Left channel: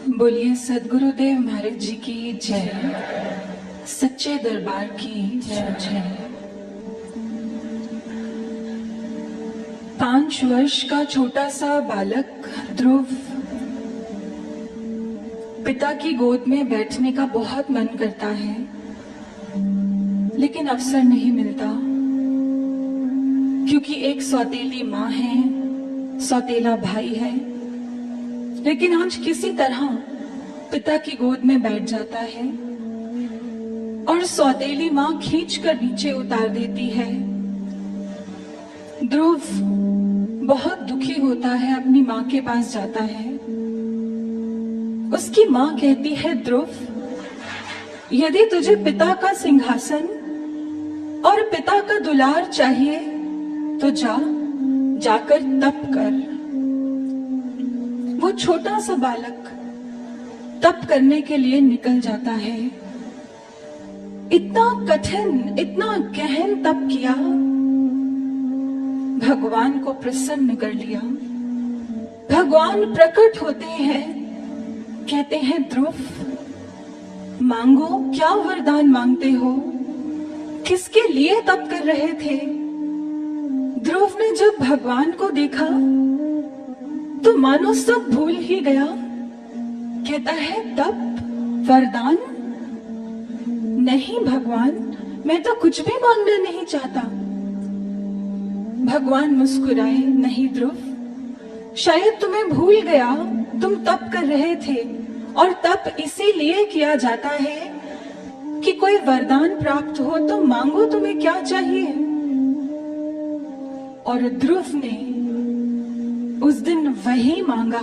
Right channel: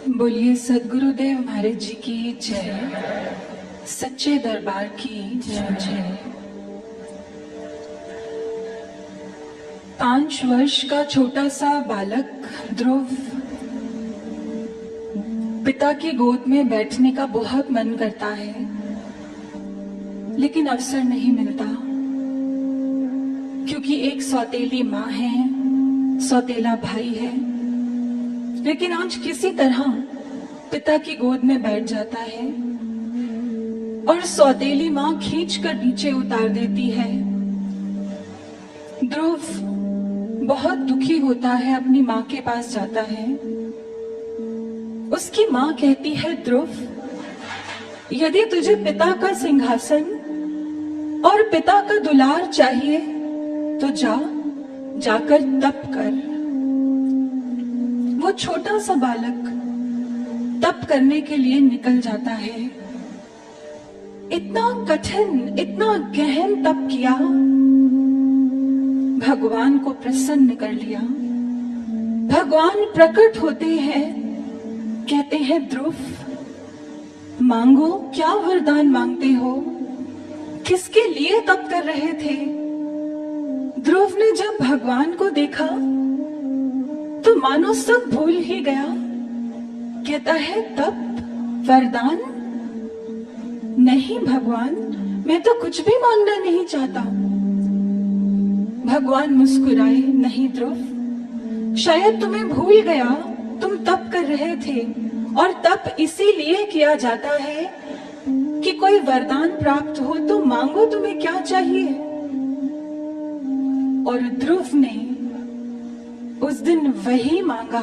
बोलिए सद्गुरुदेव महाराज जी की जय, सच्चे दरबार की जय। 5 वर्ष का छोटा सा बालक ध्रुव पिता की गोद में बैठने का बहुत मन करता है, लेकिन अवसर नहीं मिलता, क्योंकि एक सौतेली माँ है, सौतेला भाई है। लेकिन आज किसी तरह पिता की गोद में बैठ जाता है और सौतेली माँ खींचकर नीचे उतार देती है। ध्रुव बहुत दुखी होता है, अपनी माँ के पास जाता है। उसकी माँ कहती है, ध्रुव, यदि तुझे पिता का सिंहासन और पिता का दुलार चाहिए तो जाकर तप कर। वो छोटा सा बालक तप करने के लिए निकल जाता है। इतना कठिन, इतना गहन तप किया, भगवान को प्रसन्न कर लिया। भगवान प्रकट होते हैं, कहते हैं, ध्रुव, मांगो, क्या वरदान मांगते हो? किसके लिए तप कर रहे थे? ध्रुव ने जब भगवान को देखा तो मानो सब भूल ही गया। कहता है, तप, वरदान? नहीं भगवान, मैं तो कुछ भी मांगना नहीं चाहता। भगवान मुस्कुराए, नहीं ध्रुव, शायद तुम्हें भूल गया, तुम तप कर रहे थे और तप इसीलिए किया जाता है कि कोई वरदान प्राप्त हो। तो मांगो, तुम्हें क्या चाहिए? और ध्रुव ने उस दिन वही मांगा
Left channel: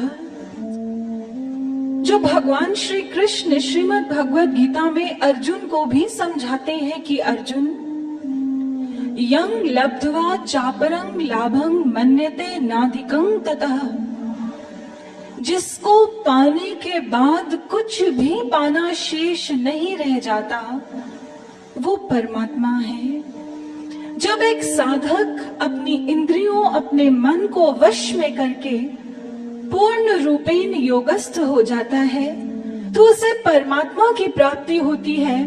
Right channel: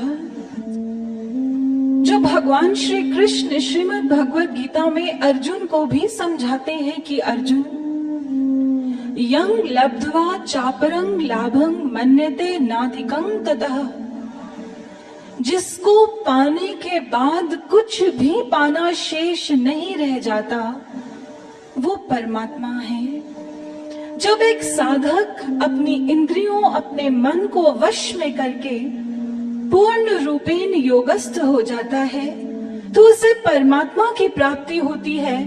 जो भगवान श्री कृष्ण श्रीमद् भगवद गीता में अर्जुन को भी समझाते हैं कि अर्जुन, यं लब्ध्वा चापरं लाभं मन्यते नाधिकं ततः, जिसको पाने के बाद कुछ भी पाना शेष नहीं रह जाता, वो परमात्मा है। जब एक साधक अपनी इंद्रियों, अपने मन को वश में करके पूर्ण रूपेण योगस्थ हो जाता है तो उसे परमात्मा की प्राप्ति होती है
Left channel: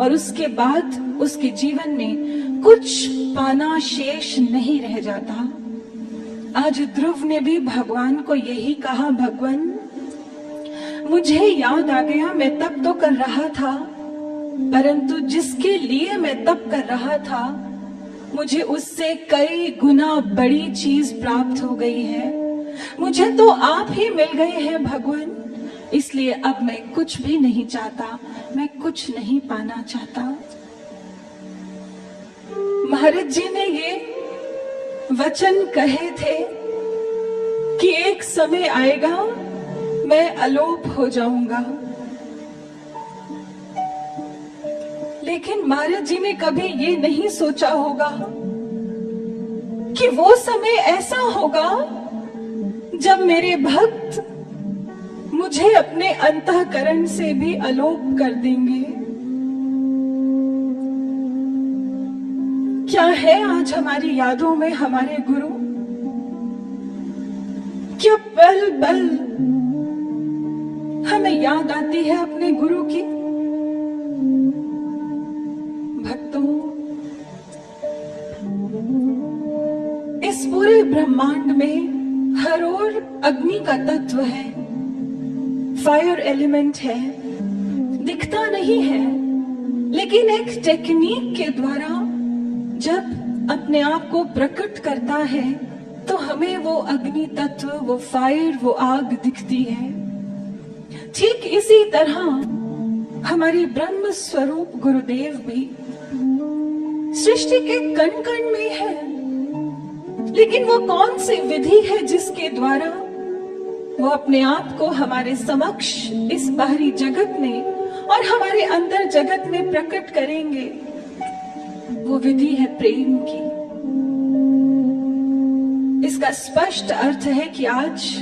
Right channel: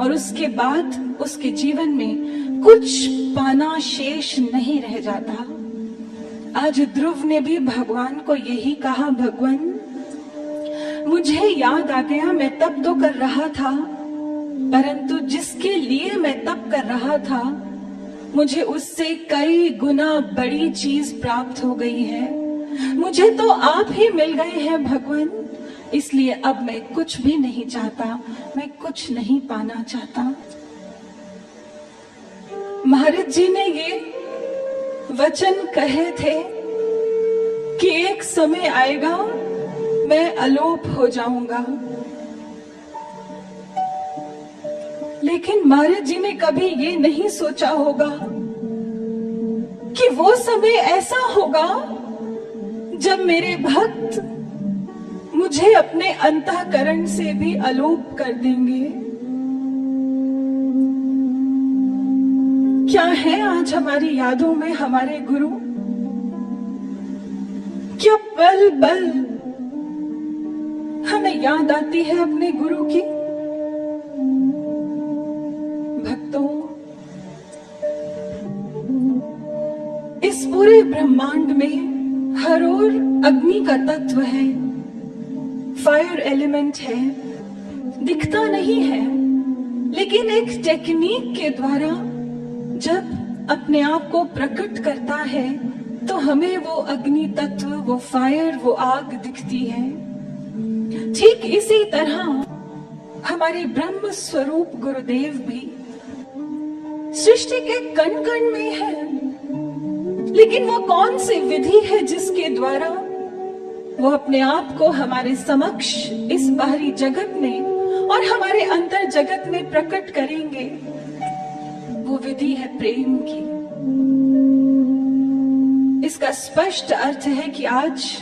और उसके बाद उसके जीवन में कुछ पाना शेष नहीं रह जाता। आज ध्रुव ने भी भगवान को यही कहा, भगवान, मुझे याद आ गया, मैं तप तो कर रहा था, परंतु जिसके लिए मैं तप कर रहा था मुझे उससे कई गुना बड़ी चीज प्राप्त हो गई है। मुझे तो आप ही मिल गए हैं भगवान, इसलिए अब मैं कुछ भी नहीं चाहता, मैं कुछ नहीं पाना चाहता। महाराज जी ने ये वचन कहे थे कि एक समय आएगा मैं अलोप हो जाऊंगा, लेकिन महाराज जी ने कभी ये नहीं सोचा होगा कि वो समय ऐसा होगा जब मेरे भक्त मुझे अपने अंतःकरण से भी अलोप कर देंगे। क्या है आज हमारी यादों में हमारे गुरु? क्या पल पल हमें याद आती है अपने गुरु की? भक्तों, इस पूरे ब्रह्मांड में हर ओर अग्नि का तत्व है, फायर एलिमेंट है, दिखता नहीं है, लेकिन एक टेक्निक के द्वारा जब अपने आप को प्रकट करता है तो हमें वो अग्नि तत्व, वो फायर, वो आग दिखती है। ठीक इसी तरह हमारे ब्रह्म स्वरूप गुरुदेव भी सृष्टि के कण कण में है, लेकिन वो कौन सी विधि है जिसके द्वारा वो अपने आप को हमारे समक्ष इस बाहरी जगत में और हमारे अंतर जगत में प्रकट करेंगे? वो विधि है प्रेम की। इसका स्पष्ट अर्थ है कि आज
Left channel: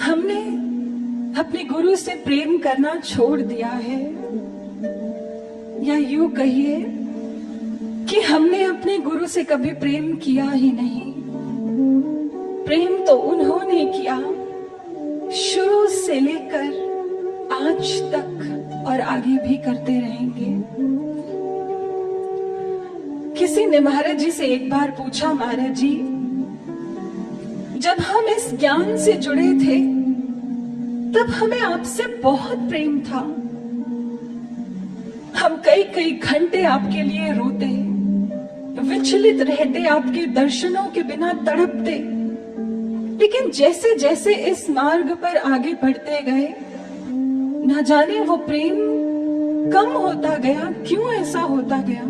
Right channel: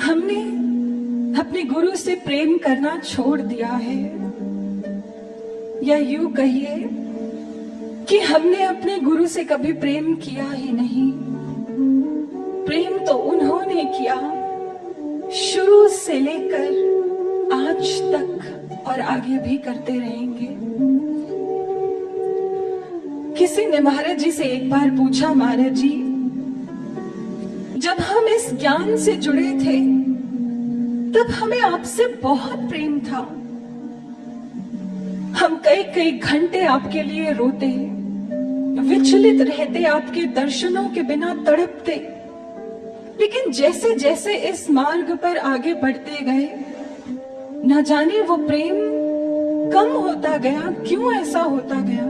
हमने अपने गुरु से प्रेम करना छोड़ दिया है, या यूं कहिए कि हमने अपने गुरु से कभी प्रेम किया ही नहीं। प्रेम तो उन्होंने किया शुरू से लेकर आज तक और आगे भी करते रहेंगे। किसी ने महाराज जी से एक बार पूछा, महाराज जी जब हम इस ज्ञान से जुड़े थे तब हमें आपसे बहुत प्रेम था, हम कई कई घंटे आपके लिए रोते, विचलित रहते, आपके दर्शनों के बिना तड़पते, लेकिन जैसे जैसे इस मार्ग पर आगे बढ़ते गए न जाने वो प्रेम कम होता गया, क्यों ऐसा होता गया।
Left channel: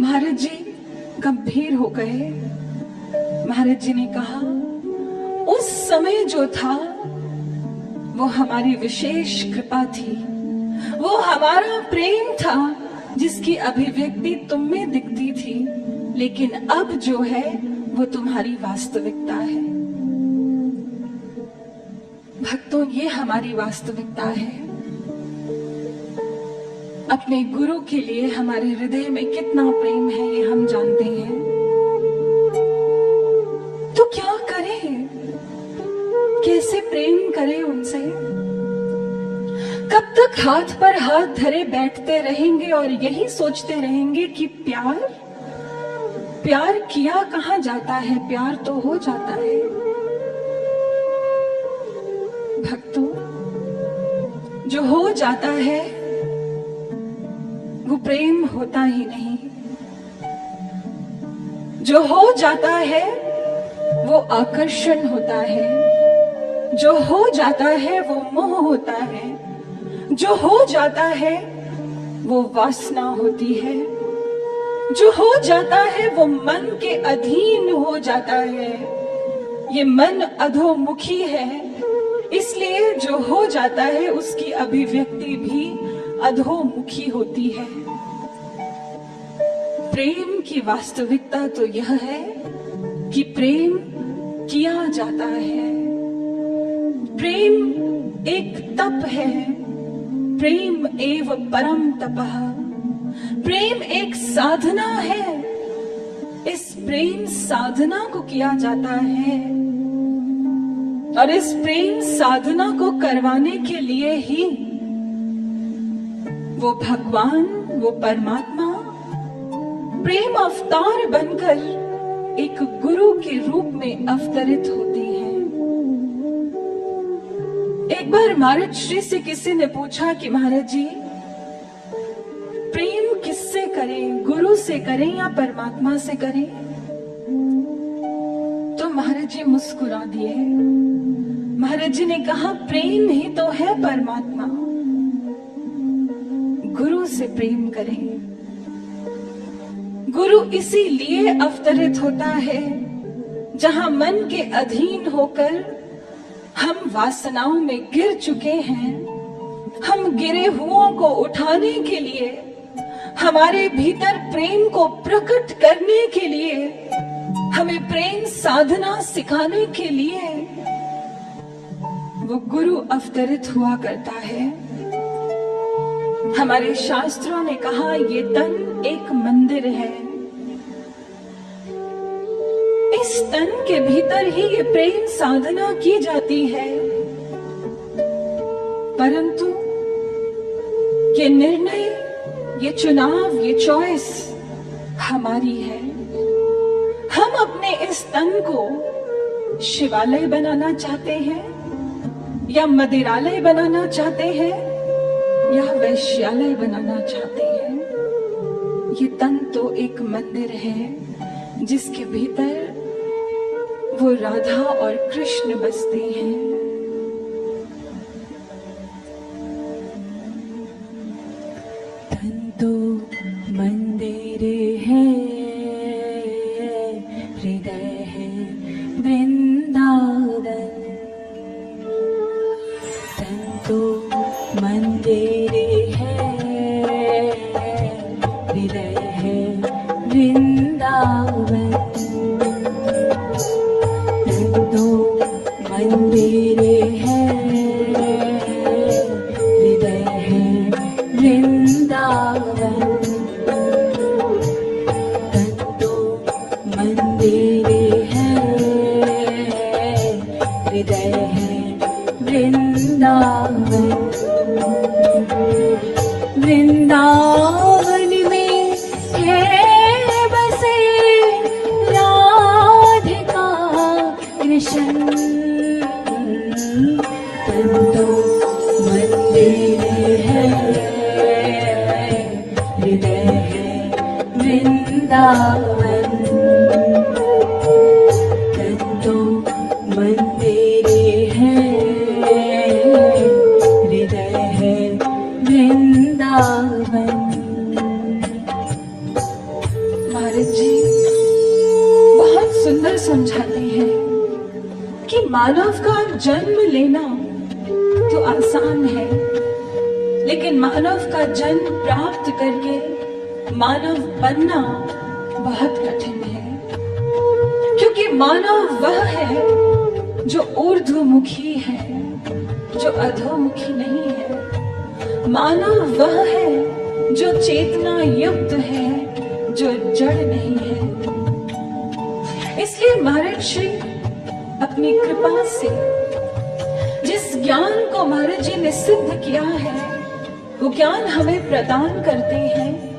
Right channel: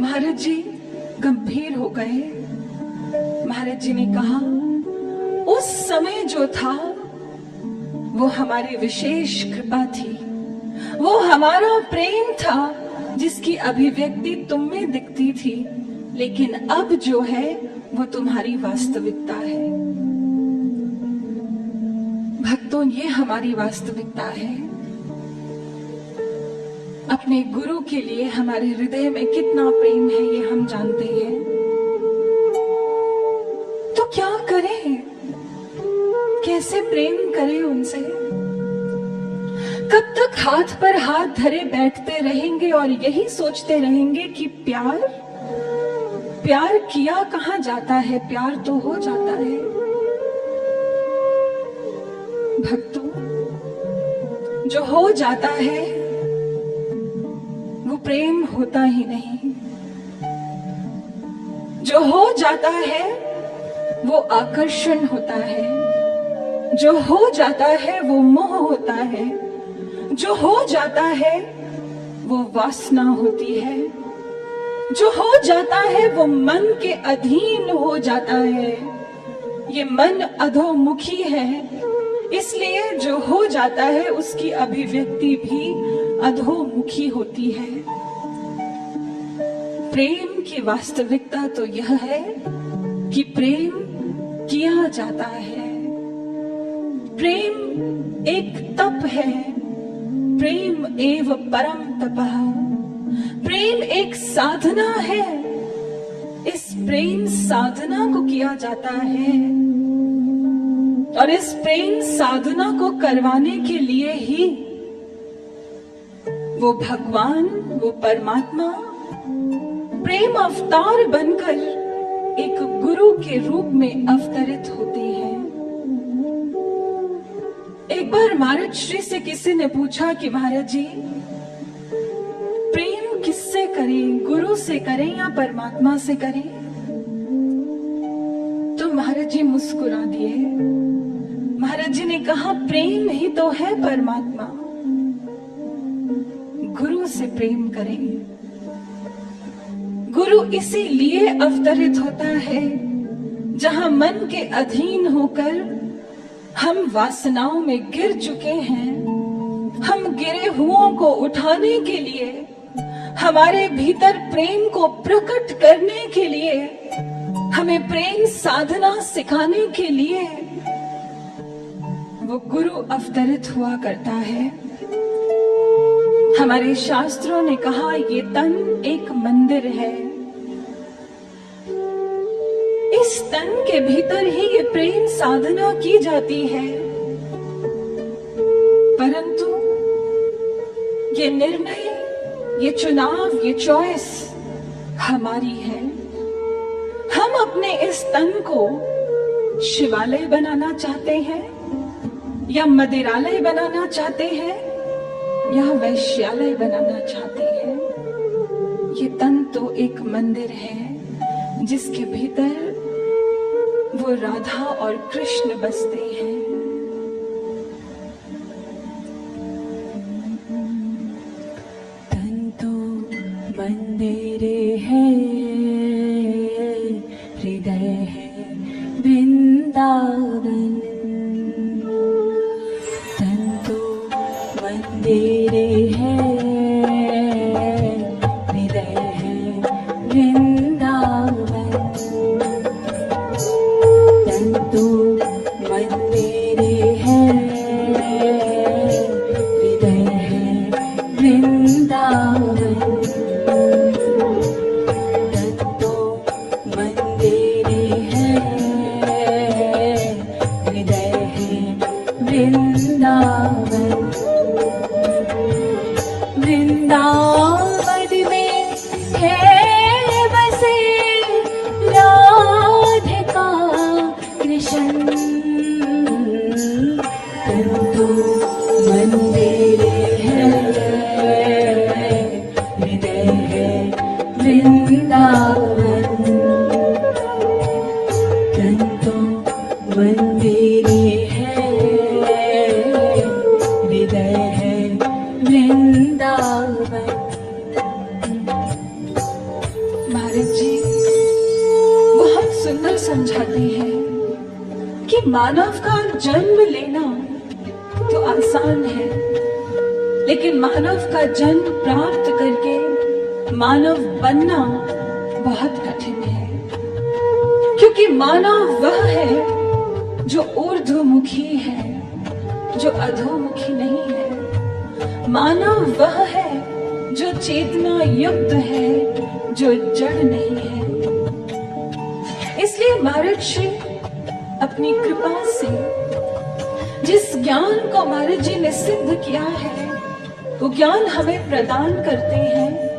महाराज जी गंभीर हो गए। महाराज जी ने कहा, उस समय जो था वो हमारी विशेष कृपा थी, वो हमारा प्रेम था जिसकी अभिव्यक्ति तुम में दिखती थी, लेकिन अब जो है वो तुम्हारी वास्तविकता है। भक्तों, ये हमारी वास्तविकता है। अपने गुरु के लिए हमारे हृदय में कितना प्रेम है ये हम जानते हैं। तो क्या करें, कैसे प्रेम करें उनसे? कब तक हाथ पर हाथ धरे बैठते रहेंगे और यही सोचते रहेंगे कि प्यार प्यार किया कहां जाता है, प्यार तो हो जाता है। भक्तों, जो हो जाता है वो प्रेम होता ही नहीं, जो हो जाता है वो आकर्षण होता है, जो हो जाता है वो मोह होता है, जो हो जाता है वो वासना होती है, जो हो जाता है वो मन के अधीन हो जाता है। ये मन अधोमुखी है, इसलिए जो हो जाता है उसकी अभिव्यक्ति भी अधोमुखी होती है। प्रेम की वास्तविकता तो यह है कि प्रेम किया जाता है। प्रेम एक तप है, प्रेम एव परम तपः। प्रेम एक साधना है, इस प्रेम साधना को किया जाता है और इस प्रेम साधना को करवाने के लिए ही वो भगवान, वो परमात्मा प्रेम अवतार बनकर एक गुरु के रूप में अवतरित होते हैं। एक बार महाराज श्री से किसी ने पूछा कि महाराज जी प्रेम किससे करें, गुरु से करें या परमात्मा से करें? तो महाराज जी मुस्कुरा दिए। महाराज जी ने कहा, प्रेम ही तो है परमात्मा, गुरु से प्रेम करें। गुरु इसीलिए अवतरित होता है जहां मन के अधीन होकर हम वासनाओं में गिर चुके हैं। हम गिरे हुओं को उठाने के लिए, हमारे भीतर प्रेम को प्रकट करने के लिए, हमें प्रेम साधना सिखाने के लिए वो गुरु अवतरित हुआ करता है। हमारे शास्त्रों ने कहा, ये तन एक मंदिर है, इस तन के भीतर ही ये प्रेम साधना की जाती है। परंतु ये निर्णय, ये चुनाव, ये चॉइस हमारी है। हम अपने इस तन को शिवालय बनाना चाहते हैं या मदिरालय बनाना चाहते हैं या वैश्यालय बनाना चाहते हैं। ये तन तो एक मंदिर है जिसके भीतर वो राधा और कृष्ण बसते हैं। तन तो मंदिर है, हृदय है वृंदावन। तन तो मंदिर है, हृदय है वृंदावन। मंदिर है, हृदय है वृंदावन। तन तो मंदिर है, वृंदावन वृंदावन में है बसे राधिका कृष्ण तंतो मंदिर है हृदय है वृंदावन तंतो मंदिर है हृदय है वृंदावन। महाराज जी बहुत सुंदर समझाते हैं कि मानव का जन्म लेना तो आसान है, लेकिन मानव का जन्म प्राप्त करके मानव बनना बहुत कठिन है, क्योंकि मानव वह है जो ऊर्ध्वमुखी है, जो अधोमुखी नहीं है। मानव वह है जो चेतना युक्त है, जो जड़ नहीं है। इसलिए महाराज श्री अपनी कृपा से जिस ज्ञान को महाराज जी ने सिद्ध किया है, वो ज्ञान हमें प्रदान करते हैं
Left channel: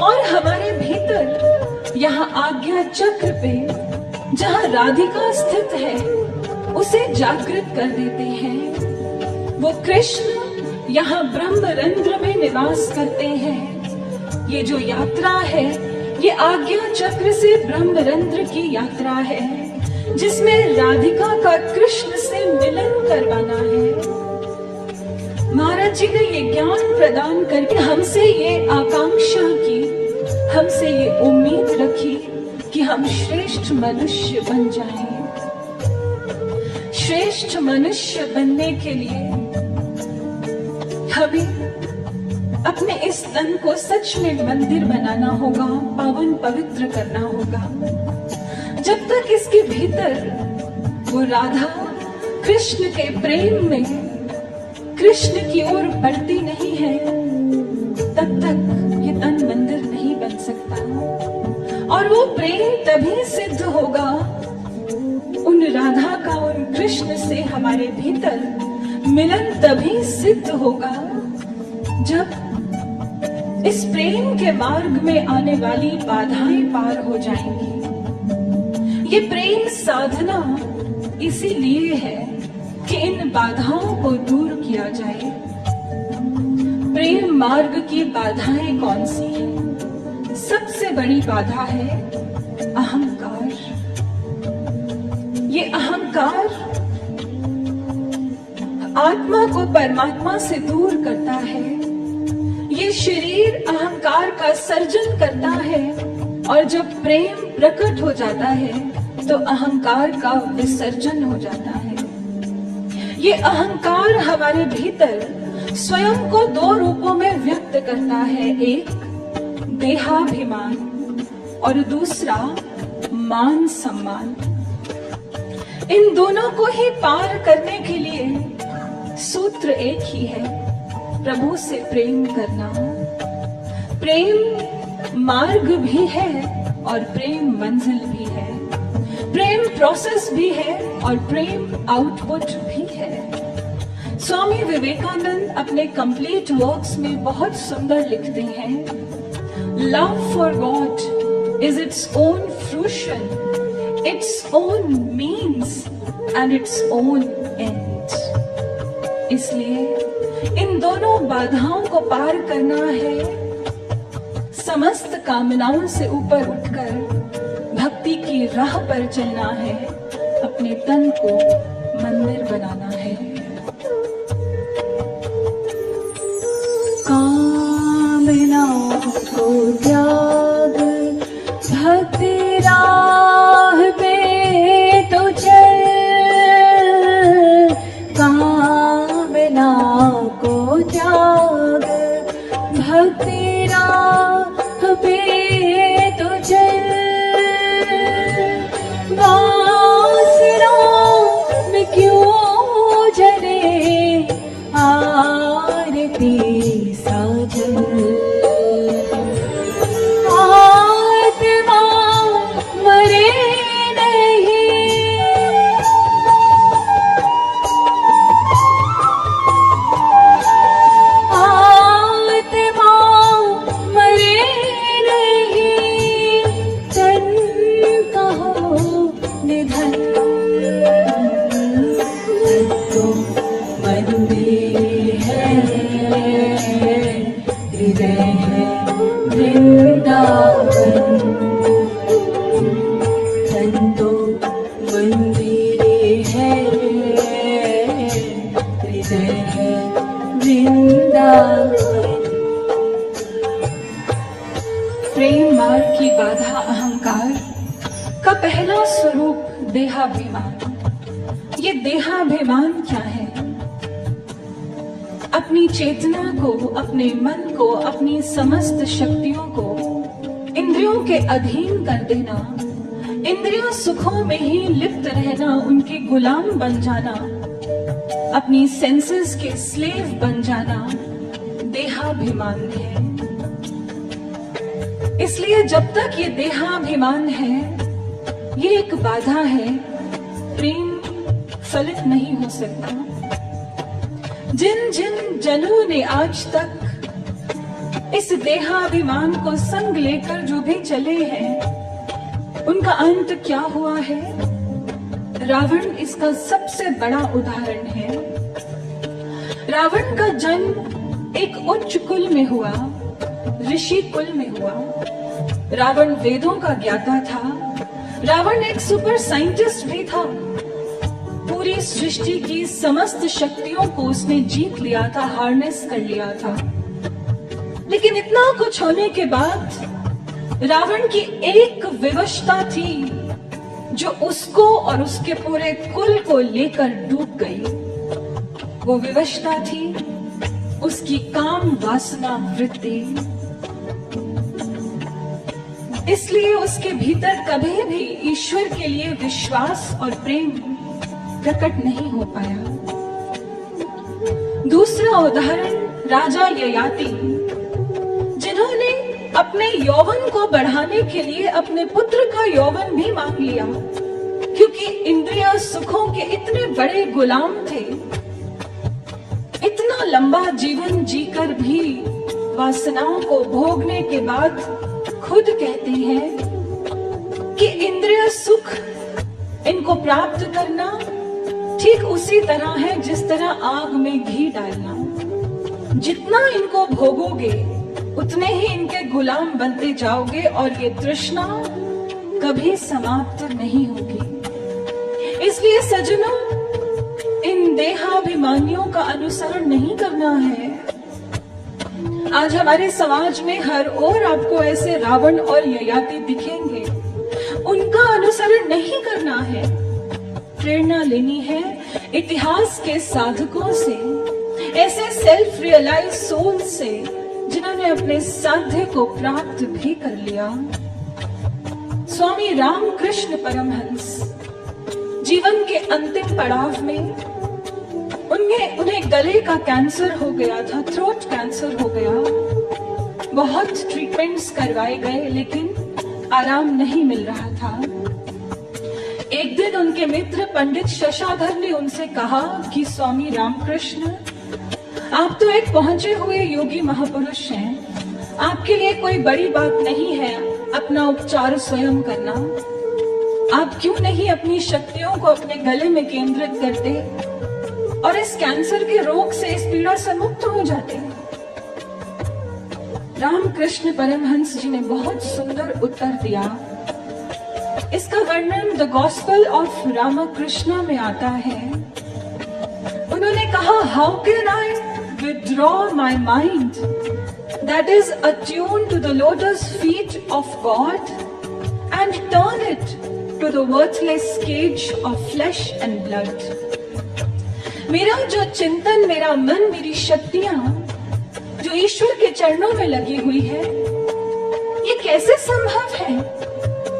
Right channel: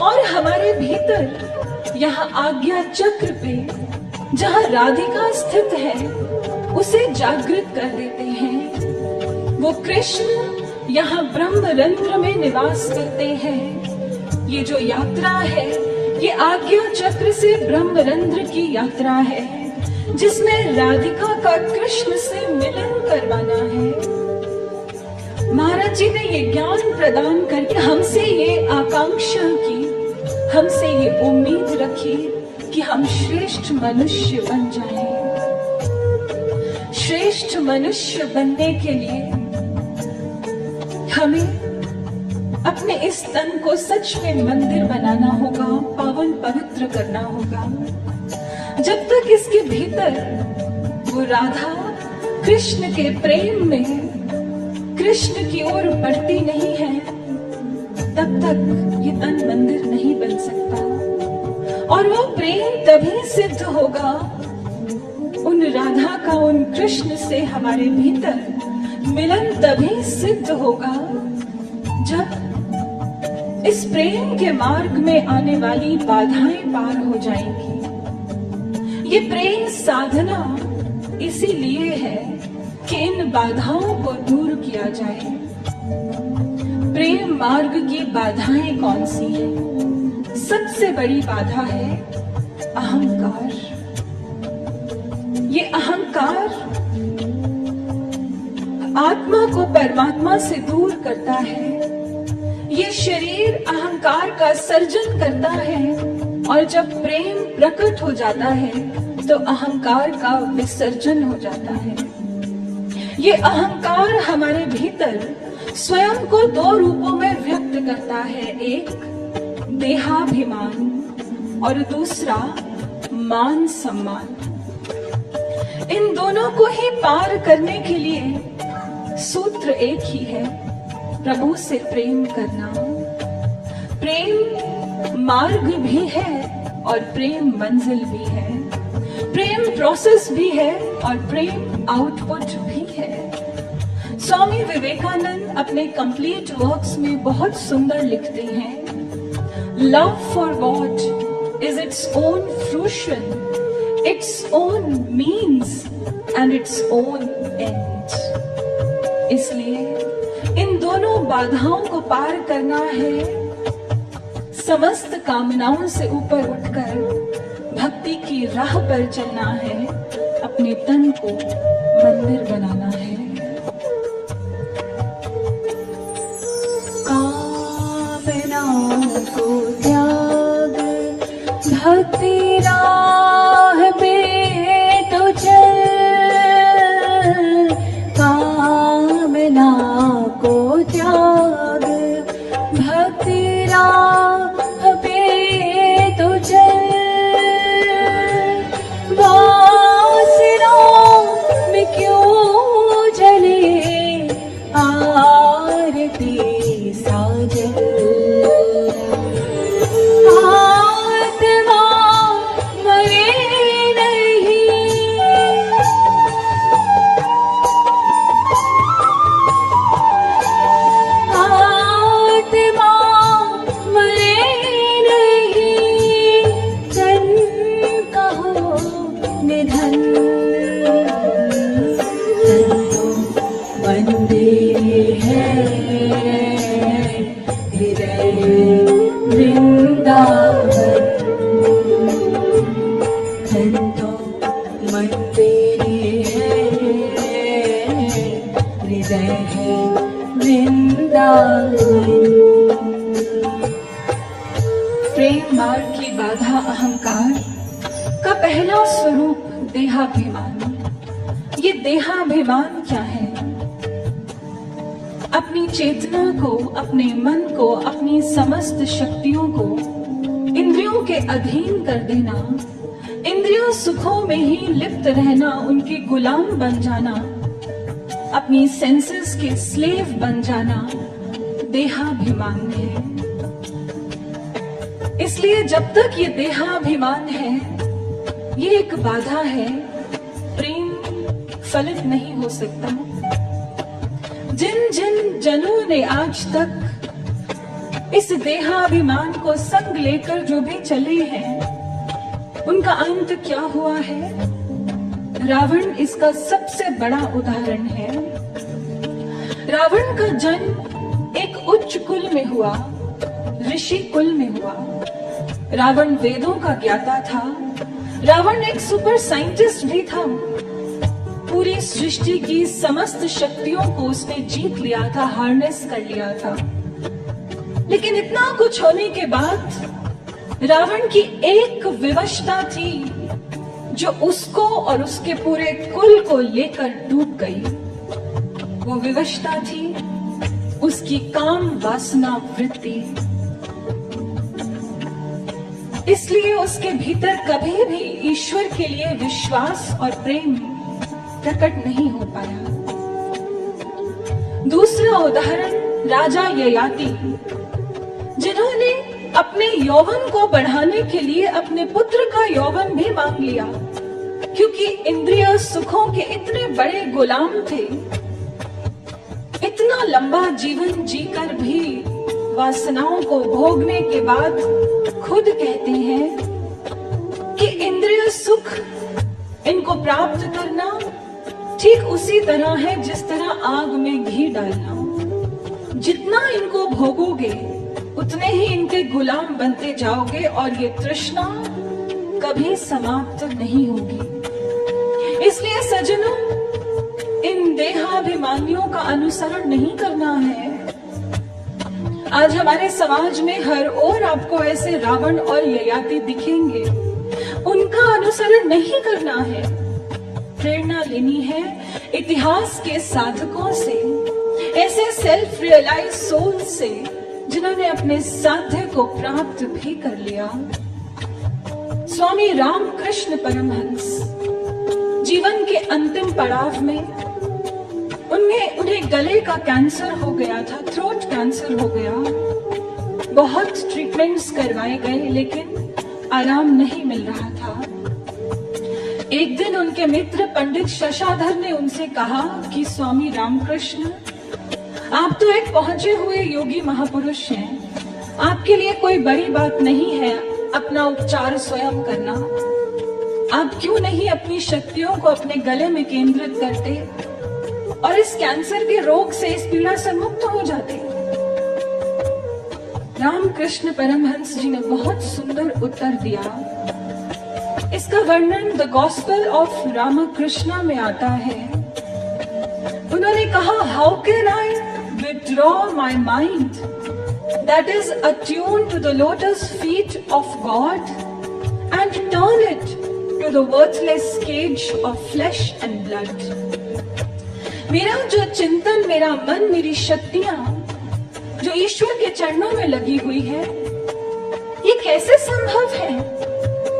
और हमारे भीतर यहाँ आज्ञा चक्र पे जहाँ राधिका स्थित है उसे जागृत कर देते हैं। वो कृष्ण यहाँ ब्रह्मरंध्र में निवास करते हैं। ये जो यात्रा है ये आज्ञा चक्र से ब्रह्मरंध्र की यात्रा है, जिसमें राधिका का कृष्ण से मिलन करवाना है। महाराज जी ने ये ज्ञान प्रदान करके हमसे ये आकांक्षा की, हमसे ये उम्मीद रखी कि हम श्रेष्ठ मनुष्य बन जाएं। श्रेष्ठ मनुष्य बनने के लिए हमें अपने इस तन को सच में मंदिर बनाना होगा, पावन पवित्र करना होगा। जब तक इसके भीतर वो राधा कृष्ण के प्रेम में कृष्ण की ओर बढ़ती नहीं है, तब तक ये तन मंदिर नहीं बन सकता। और वो प्रेम तभी सिद्ध होगा, उन राधा का उन कृष्ण से हमारे भीतर मिलन तभी सिद्ध होगा जब इस प्रेम के मार्ग में आने वाली बाधाएं पार हो जाएंगी। ये प्रेम साधना इसीलिए है कि इन बाधाओं को दूर किया जाए। प्रेम मार्ग की बाधाएं कौन सी हैं? सबसे बड़ी बाधा है अहंकार। ये अहंकार आत्मा को परमात्मा से दूर करता है। ये शरीर अहंकार का सर्जन करता है और जब प्रेम प्रकट हो जाता है तो अहंकार का विसर्जन हो जाता है। ये अहंकार हमारे भीतर स्वयं को दो रूपों में व्यक्त करता है, एक देहाभिमान और दूसरा मान सम्मान। इन दोनों को ही पार करने के लिए सूत्र एक ही है, प्रभु से प्रेम करना। प्रेम मार्ग भी है और प्रेम मंजिल भी है। प्रेम प्रोसेस भी है और प्रेम आउटपुट भी है। स्वामी विवेकानंद अपने कंप्लीट वर्क्स में बहुत सुंदर लिखते हैं, love for God is its own fruition, its own means and its own and. इसलिए इन दोनों बाधाओं को पार करना है, समस्त कामनाओं से ऊपर उठकर भक्ति की राह पर चलना है, अपने तन को मंदिर बनाना है। कामनाओं को त्याग भक्ति राह पे तो चल, कामना को त्याग भक्ति राह पे तो चल, वासनाओं में क्यों जले आरती साजल। जय है वृंदावन। प्रेम मार्ग की बाधा अहंकार का पहला स्वरूप देहाभिमान। ये देहाभिमान क्या है? अपनी चेतना को, अपने मन को, अपनी समस्त शक्तियों को इंद्रियों के अधीन कर देना, इंद्रियों सुखों में ही लिप्त रहना, उनके गुलाम बन जाना, अपनी सेंसेस के स्लेव बन जाना देहाभिमान है। इसलिए जब तक ये देहाभिमान है, ये एक बाधा है, प्रेम फलित नहीं हो सकता। जिन जिन जनों ने आज तक इस देहाभिमान को संग लेकर जो भी चले हैं, उनका अंत क्या हुआ है? रावण इसका सबसे बड़ा उदाहरण है। रावण का जन्म एक उच्च कुल में हुआ, ऋषि कुल में हुआ। रावण वेदों का ज्ञाता था। रावण एक सुपर साइंटिस्ट भी था। पूरी सृष्टि की समस्त शक्तियों को उसने जीत लिया था, हार्नेस कर लिया था। लेकिन इतना कुछ होने के बाद रावण की एक विवशता थी जो उसको और उसके पूरे कुल को लेकर डूब गई। वो विवशता थी उसकी काम वासना वृत्ति। इसलिए उसके भीतर कभी भी ईश्वर के लिए विश्वास और प्रेम प्रकट नहीं हो पाया। दूसरा उदाहरण राजा ययाति, जिन्होंने अपने यौवन को बढ़ाने के लिए अपने पुत्र का यौवन भी मांग लिया, क्योंकि इंद्रिय सुखों के इतने बड़े गुलाम थे। इतना लंबा जीवन जीकर भी वासनाओं को भोगने के बाद खुद कहते हैं कि इंद्रिय सुख इनको प्राप्त करना ठीक उसी तरह है जिस तरह आग में घी डालना। जितना इनको भोगोगे उतने ही इनके गुलाम बनते जाओगे और ये तृष्णा कभी समाप्त नहीं होगी। इसलिए सज्जनों, इन देहाभिमानियों का अनुसरण नहीं करना है। आज हमारे समाज में हर ओर आपको ऐसे रावण और ययाति दिखेंगे। उनका अनुसरण नहीं करना है। प्रेरणा लेनी है इतिहास के साधकों से, ऐसे सेल्फ रियलाइज सोल से जिन्होंने अपने साध्य को प्राप्त भी कर लिया। स्वामी रामकृष्ण परमहंस जीवन के अंतिम पड़ाव में उन्हें गले का कैंसर हो गया था, थ्रोट कैंसर हो गया। बहुत ट्रीटमेंट्स करवाए गए लेकिन आराम नहीं मिल रहा था। एक दिन उनके मित्र पंडित शशाधर ने उनसे कहा कि स्वामी रामकृष्ण, आप तो एक पहुंचे हुए योगी महापुरुष हैं। आपके लिए कोई बड़ी बात नहीं है अपना उपचार स्वयं करना। आप क्यों नहीं अपनी शक्तियों को अपने गले में केंद्रित करते और इस कैंसर के रोग से, इस पीड़ा से मुक्त हो जाते। रामकृष्ण परमहंस जी ने बहुत सुंदर उत्तर दिया। इसका वर्णन द गॉस्पेल ऑफ रामकृष्ण में आता है। उन्होंने कहा, how can I withdraw my mind that is attuned to the lotus feet of God and turn it to the worthless cage of flesh and blood. मेरा जो चिंतन, मेरा मन, मेरी शक्तियां जो ईश्वर के चरणों में लगी हुई है, ये कैसे संभव है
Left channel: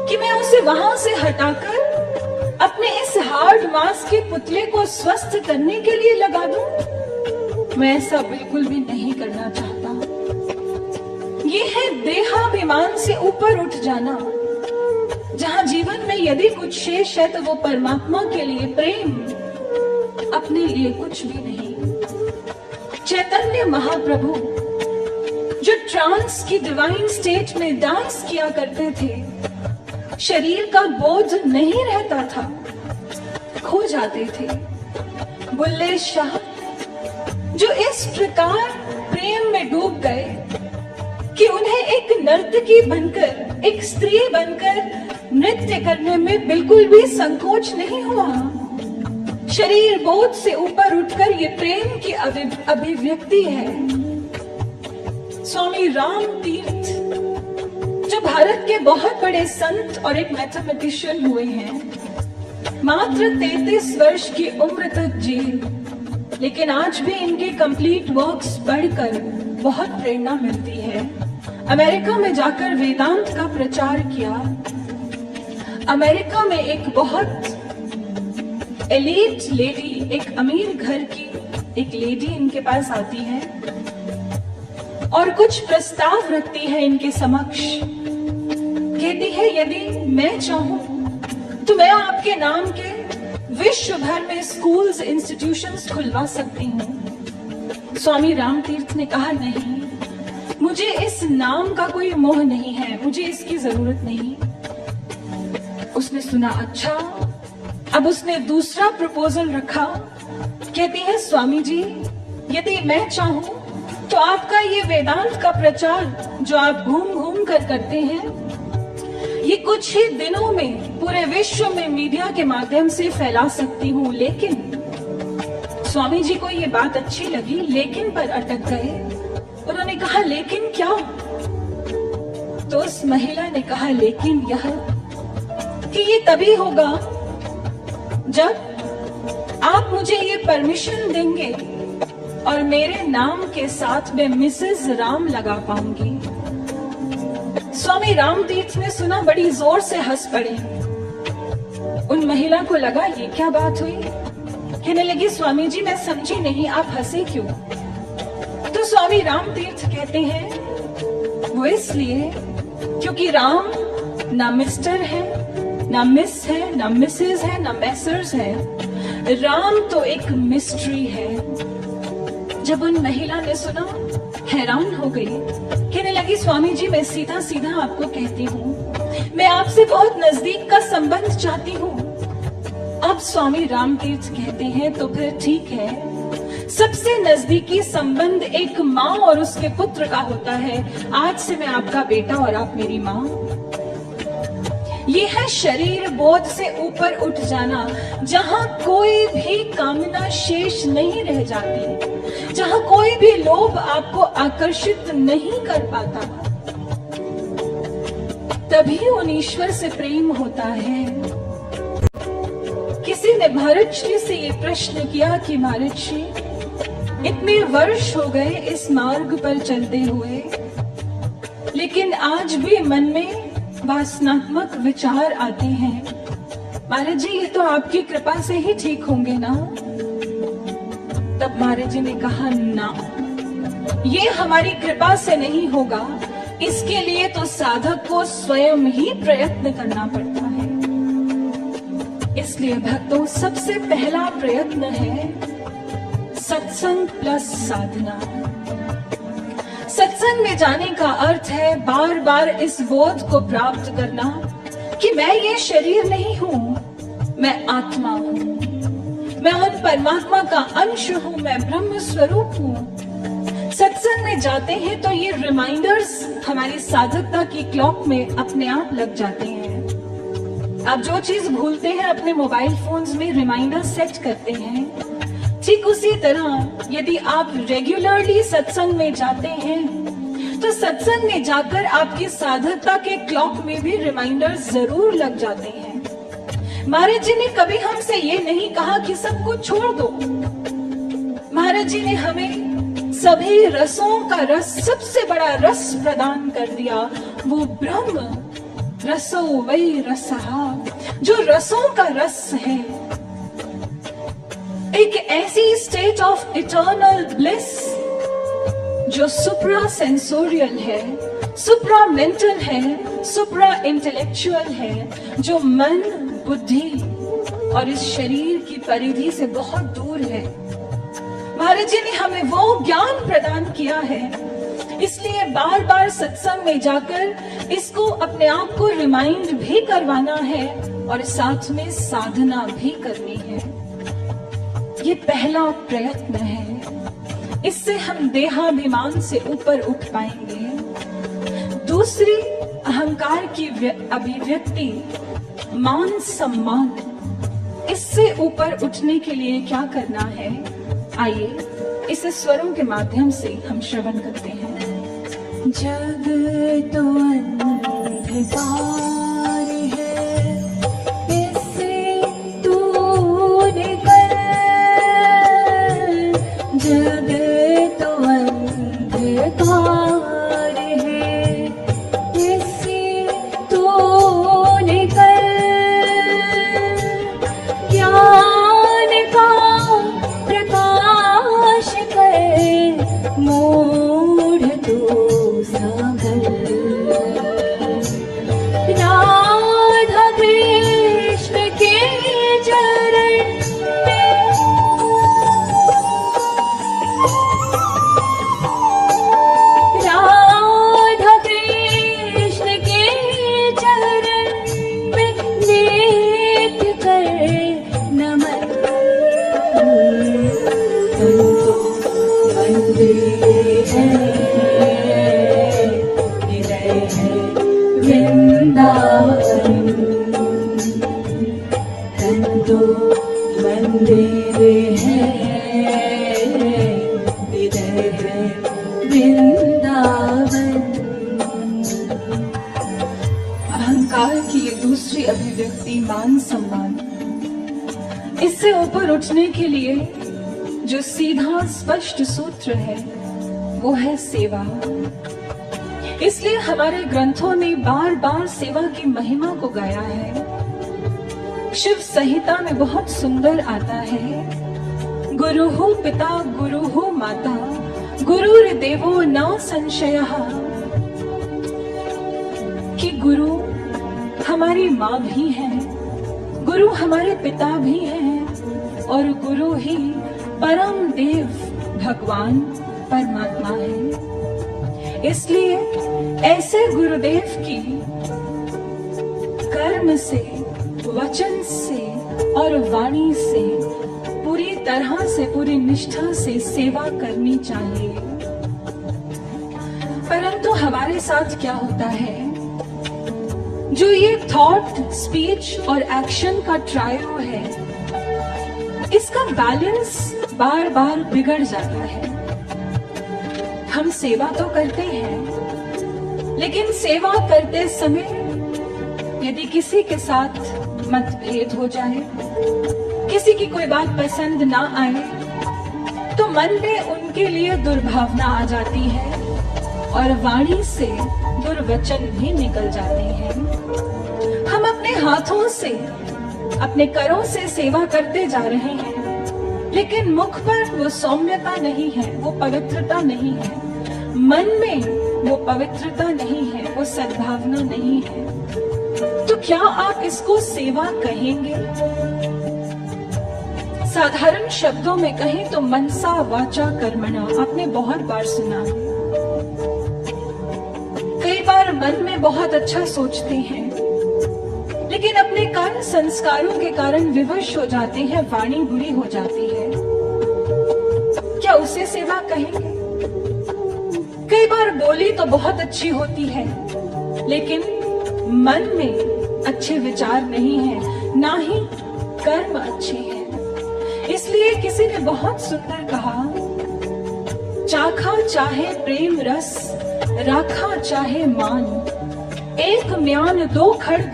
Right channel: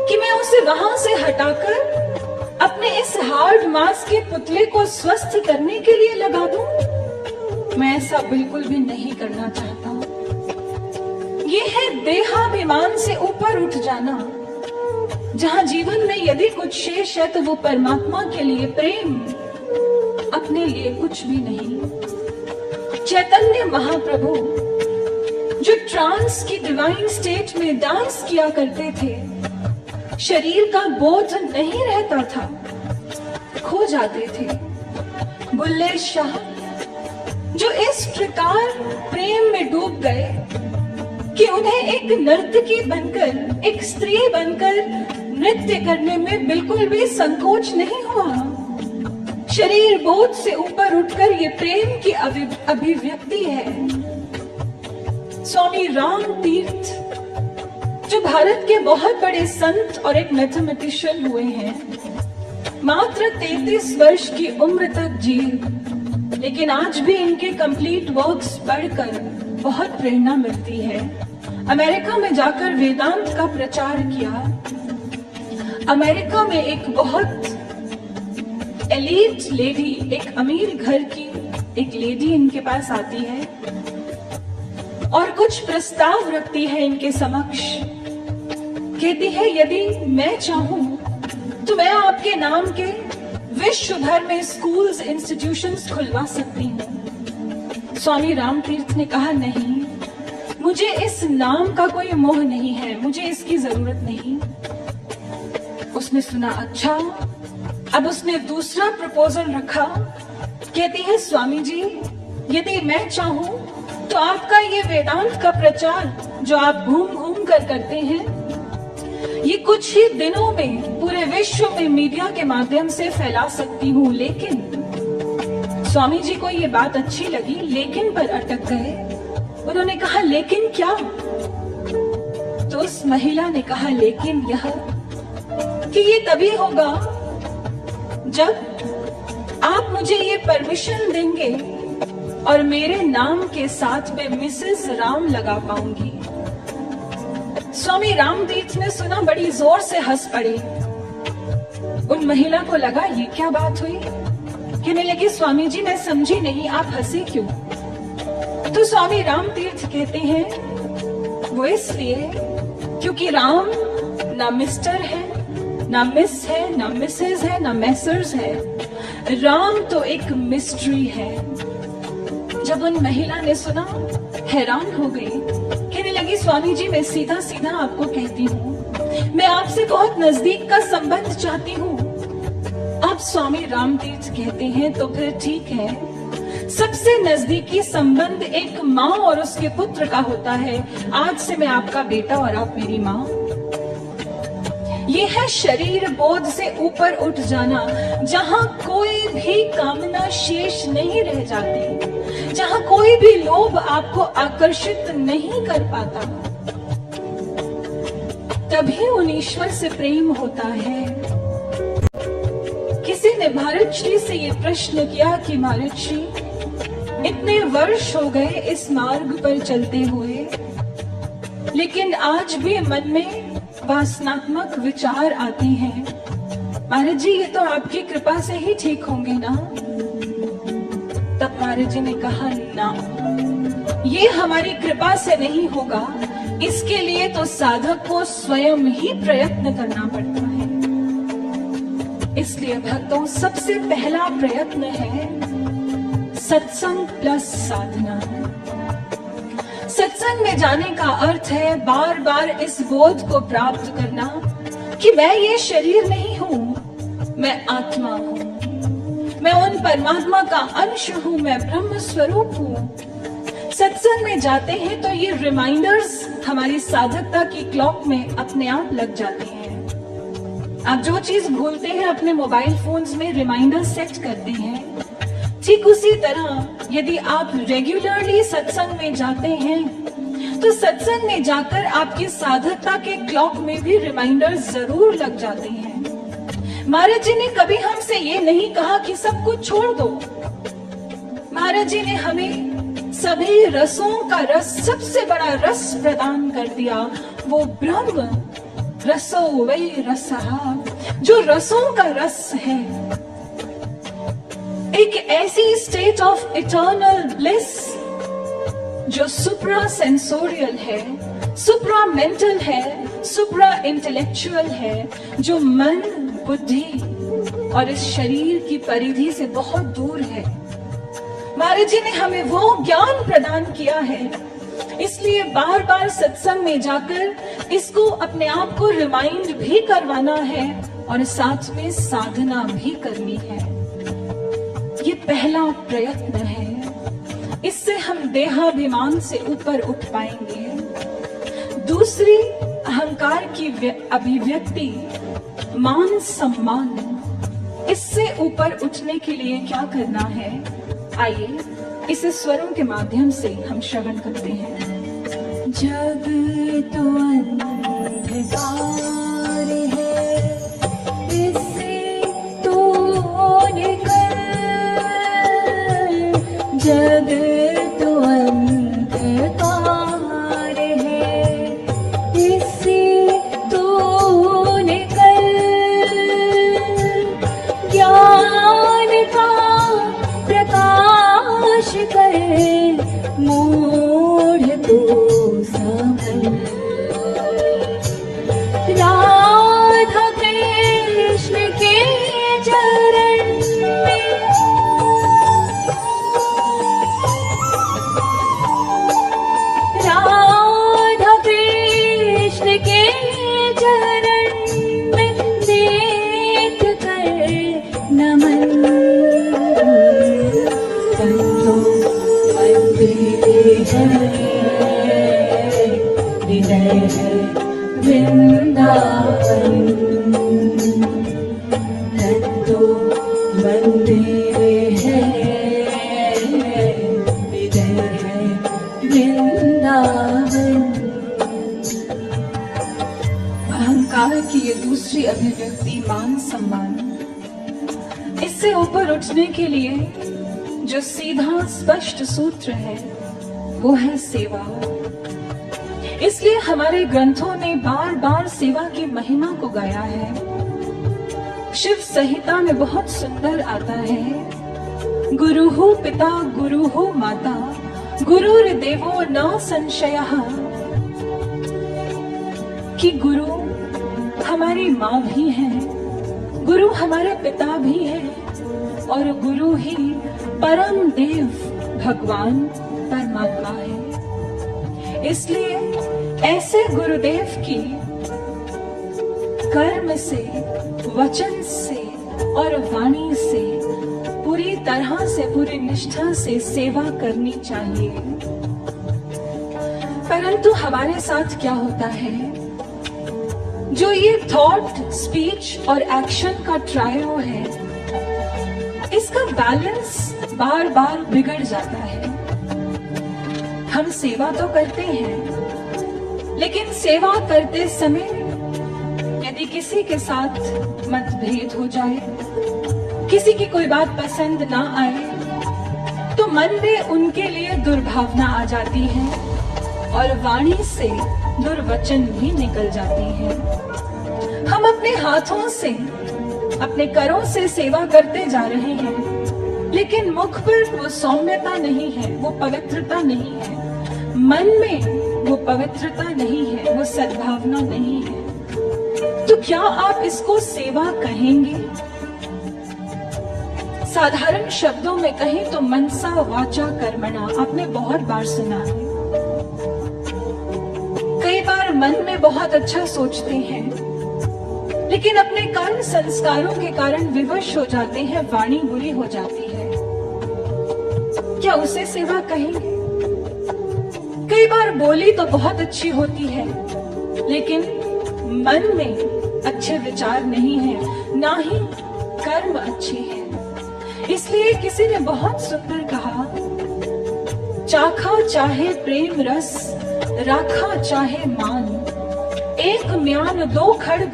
कि मैं उसे वहां से हटाकर अपने इस हार्ड मांस के पुतले को स्वस्थ करने के लिए लगा दूं? मैं ऐसा बिल्कुल भी नहीं करना चाहता। ये है देहाभिमान से ऊपर उठ जाना, जहां जीवन में यदि कुछ शेष है तो वो परमात्मा के लिए प्रेम, अपने लिए कुछ भी नहीं। चैतन्य महाप्रभु जो ट्रांस की डिवाइन स्टेट में डांस किया करते थे, शरीर का बोध नहीं रहता था, खो जाते थे। बुल्ले शाह जो इस प्रकार प्रेम में डूब गए कि उन्हें एक नर्तकी बनकर, एक स्त्री बनकर नृत्य करने में बिल्कुल भी संकोच नहीं हुआ। शरीर बोध से ऊपर उठकर ये प्रेम की अभिव्यक्ति है। स्वामी राम तीर्थ जो भारत के बहुत बड़े संत और एक मैथमेटिशियन हुए हैं, मात्र 33 वर्ष की उम्र तक जिए, लेकिन आज भी इनके कंप्लीट वर्क्स पढ़कर बहुत प्रेरणा मिलती है। अमेरिका में जाकर वेदांत का प्रचार किया। अमेरिका में एक बहुत एलीट लेडी, एक अमीर घर की एक लेडी इनके पास आती है और कुछ प्रस्ताव रखती है इनके समक्ष। कहती है, यदि मैं चाहूं तो मैं आपके नाम के विश्व भर में स्कूल्स, इंस्टीट्यूशंस खुलवा सकती हूँ। स्वामी राम तीर्थ ने कहा, नहीं, मुझे इस नाम का कोई मोह नहीं है, मुझे इसकी जरूरत नहीं। उसने सुना, अच्छा। अब उसने दूसरा प्रपोजल रखा। कहती है, स्वामी जी, यदि मैं चाहूं तो आपका ये वेदांत का प्रचार जो आप घूम घूम कर करते हैं, ये कुछ ही दिनों में पूरे विश्व में मीडिया के माध्यम से फैला सकती हूँ। लेकिन स्वामी जी को ये बात अच्छी लगी, लेकिन पर अटक गए। उन्होंने कहा, लेकिन क्या? तो उस महिला ने कहा, लेकिन यह कि ये तभी होगा जब आप मुझे ये परमिशन देंगे और मेरे नाम के साथ में मिसेस राम लगा पाऊंगी। स्वामी राम तीर्थ ने सुना, बड़ी जोर से हंस पड़े। उन महिला को लगा, ये क्या बात हुई? कहने लगी, स्वामी जी, मैं समझी नहीं, आप हंसे क्यों? तो स्वामी राम तीर्थ कहते हैं, वो इसलिए क्योंकि राम ना मिस्टर है, ना मिस है, ना मिसेस है, ना मैसर्स है। राम तो एक मिस्ट्री है। जब उन महिला ने सुना, हैरान हो गई। कहने लगी, स्वामी जी, मैं सीधा सीधा आपको कहती हूँ, मैं आपसे बहुत नजदीक का संबंध चाहती हूँ। आप स्वामी राम तीर्थ कहते हैं तो फिर ठीक है। सबसे नजदीकी संबंध एक माँ और उसके पुत्र का होता है। आज से मैं आपका बेटा और आप मेरी माँ। ये है शरीर बोध से ऊपर उठ जाना, जहां कोई भी कामना शेष नहीं रह जाती, जहां कोई भी लोभ आपको आकर्षित नहीं कर पाता। तभी उन ईश्वर से प्रेम होता है। किसी ने भारत श्री से ये प्रश्न किया कि भारत श्री, इतने वर्ष हो गए इस मार्ग पर चलते हुए, लेकिन आज भी मन में वासनात्मक विचार आते हैं। महाराज जी, ये तो आपकी कृपा से ही ठीक होंगे ना? तब महाराज जी ने कहा, ना, ये हमारी कृपा से नहीं होगा। इसके लिए तो साधक को स्वयं ही प्रयत्न करना पड़ता है। इसलिए भक्तों, सबसे पहला प्रयत्न है सत्संग प्लस साधना। सत्संग में जाने का अर्थ है बार बार इस बोध को प्राप्त करना कि मैं ये शरीर नहीं हूँ, मैं आत्मा हूँ, मैं उन परमात्मा का अंश हूँ, मैं ब्रह्म स्वरूप हूँ। सत्संग में जाते हैं तो ये रिमाइंडर्स हमारी साधकता की क्लॉक में अपने आप लग जाते हैं। आप जो चीज भूलते हैं अपने मोबाइल फोन्स में रिमाइंडर सेट करते हैं। ठीक उसी तरह यदि आप रेगुलरली सत्संग में जाते हैं तो सत्संग में जाकर आपकी साधकता के क्लॉक में भी रिमाइंडर्स जरूर लग जाते हैं। महाराज जी ने कभी हमसे ये नहीं कहा कि सब कुछ छोड़ दो। महाराज जी ने हमें सभी रसों का रस, सबसे बड़ा रस प्रदान कर दिया, वो ब्रह्म रसो वै रसहा, जो रसों का रस है। एक ऐसी स्टेट ऑफ इटर्नल ब्लिस जो सुप्रा सेंसोरियल है, सुप्रा मेंटल है, सुप्रा इंटेलेक्चुअल है, जो मन, बुद्धि और इस शरीर की परिधि से बहुत दूर है। महाराज जी ने हमें वो ज्ञान प्रदान किया है। इसलिए बार बार सत्संग में जाकर इसको अपने आप को रिमाइंड भी करवाना है और साथ में साधना भी करनी है। ये पहला प्रयत्न है। इससे हम देहाभिमान से ऊपर उठ पाएंगे। दूसरी अहंकार की अभिव्यक्ति मान सम्मान। इससे ऊपर उठने के लिए क्या करना है, आइए इसे स्वरों के माध्यम से हम श्रवण करते हैं। जग तो अंधकार है, इससे तू निकल। जग तो अंधकार है, इससे तू निकल। ज्ञान का प्रकाश कर मूढ़ तू संभल। राधा कृष्ण के चरण में, राधा कृष्ण के चरण में नित्य कर नमन। संतो वंदे है, हृदय है वृंदावन। संतो वंदे है, हृदय है वृंदावन। अहंकार की ये दूसरी अभिव्यक्ति मान सम्मान। इससे ऊपर उठने के लिए जो सीधा स्पष्ट सूत्र है वो है सेवा। इसलिए हमारे ग्रंथों ने बार बार सेवा की महिमा को गाया है। शिव संहिता में बहुत सुंदर आता है, गुरुहु पिता गुरुहु माता गुरुर्देवो न संशयः, कि गुरु हमारी माँ भी है, गुरु हमारे पिता भी हैं और गुरु ही परम देव भगवान परमात्मा है। इसलिए ऐसे गुरुदेव की कर्म से, वचन से और वाणी से पूरी तरह से, पूरी निष्ठा से सेवा करनी चाहिए। परंतु हमारे साथ क्या होता है, जो ये थॉट, स्पीच और एक्शन का ट्रायो है, इसका बैलेंस बार बार बिगड़ जाता है। हम सेवा तो करते हैं, लेकिन सेवा करते समय यदि किसी के साथ मतभेद हो जाए, किसी की कोई बात पसंद ना आए, तो मन में उनके लिए दुर्भावना आ जाती है और वाणी से दुर्वचन भी निकल जाते हैं। हम अपने हाथों से, अपने करों से सेवा करते जा रहे हैं, लेकिन मुख पर वो सौम्यता नहीं है, वो पवित्रता नहीं है, मन में वो पवित्रता नहीं है, वो सद्भावना नहीं है। तो क्या आप इसको सेवा कहेंगे? साधारण शब्दों में कहें तो मनसा वाचा कर्मणा, आपने बहुत बार सुना है। कई बार मन में बहुत अच्छा सोचते हैं, लेकिन अपने कर्म संस्कारों के कारण विवश हो जाते हैं, वाणी बुरी हो जाती है। क्या उसे सेवा कहेंगे? कई बार बोली तो बहुत अच्छी होती है, लेकिन मन में अच्छे विचार नहीं है, ना ही कर्म अच्छे हैं। इसलिए किसी ने बहुत सुंदर कहा, चाखा चाहे प्रेम रस, राखा चाहे मान, एक म्यान दो खड्ग,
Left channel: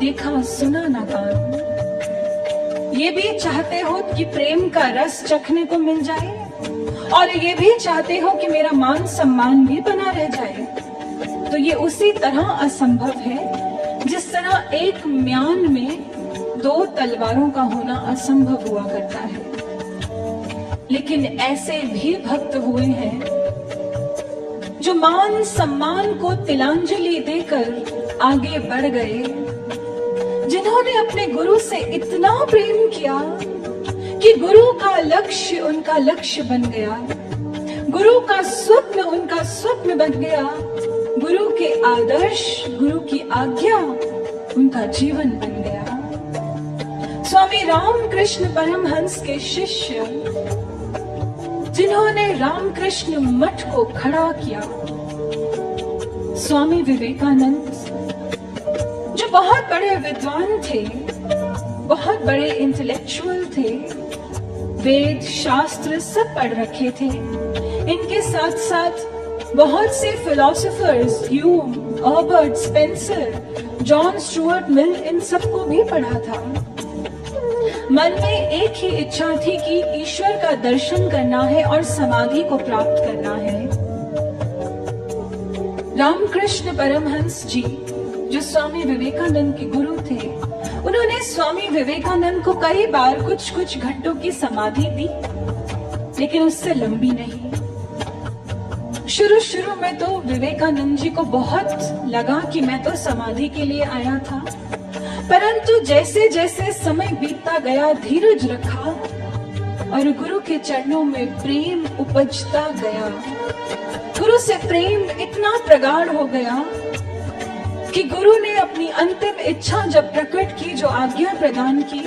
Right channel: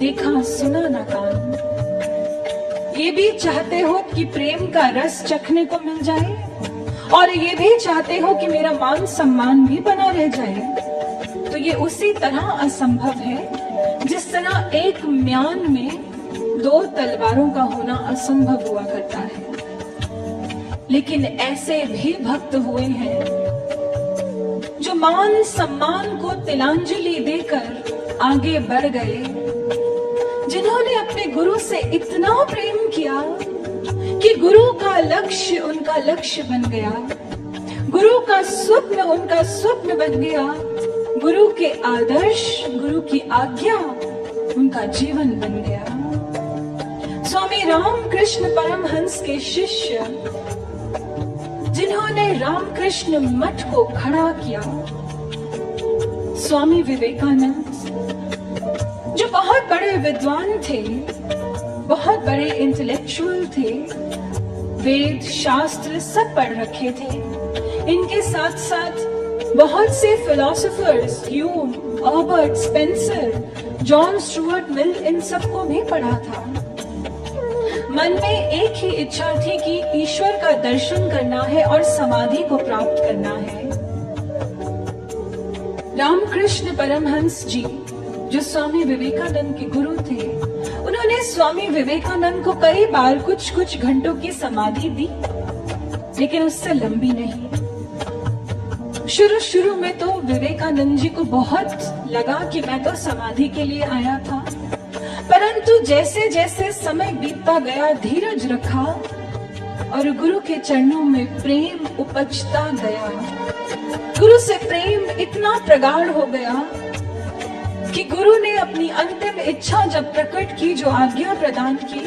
देखा सुना ना कान। ये भी चाहते हो कि प्रेम का रस चखने को मिल जाए, और ये भी चाहते हो कि मेरा मान सम्मान भी बना रह जाए, तो ये उसी तरह असंभव है जिस तरह एक म्यान में दो तलवारों का होना असंभव हुआ करता है। लेकिन ऐसे भी भक्त हुए हैं जो मान सम्मान को तिलांजलि देकर आगे बढ़ गए, जिन्होंने अपने गुरु से इतना प्रेम किया कि गुरु का लक्ष्य उनका लक्ष्य बन गया, गुरु का स्वप्न उनका स्वप्न बन गया, गुरु के आदर्श, गुरु की आज्ञा उनका जीवन बन गया। स्वामी रामकृष्ण परमहंस के शिष्य, जिन्होंने रामकृष्ण मठ को खड़ा किया, स्वामी विवेकानंद, जो बहुत बड़े विद्वान थे, बहुत बड़े इंटेलेक्चुअल थे, वेद शास्त्र सब पढ़ रखे थे। इनके साथ साथ बहुत से philosophers, Hume, Herbert Spencer, John Stuart Mill, इन सबको भी पढ़ा था। मन में एक ही इच्छा थी कि ईश्वर का दर्शन करना है और समाधि को प्राप्त करना है। रामकृष्ण परमहंस जी, जो स्वामी विवेकानंद के गुरु थे, उन्होंने स्वामी विवेकानंद को कई बार कुछ कुछ घंटों की समाधि दी, लेकिन उससे लंबी नहीं। शुरू में तो विवेकानंद जी को बहुत लगा कि मैं तो समाधि के लिए आया था, परंतु जैसे जैसे समय बीतता गया, धीरज रखा और गुरु के चरणों में प्रेम उपजता गया। गुरु से प्रेम इतना प्रगाढ़ हो गया कि गुरु ने अपनी अंतिम इच्छा जब प्रकट की, जो आज्ञा प्रदान की,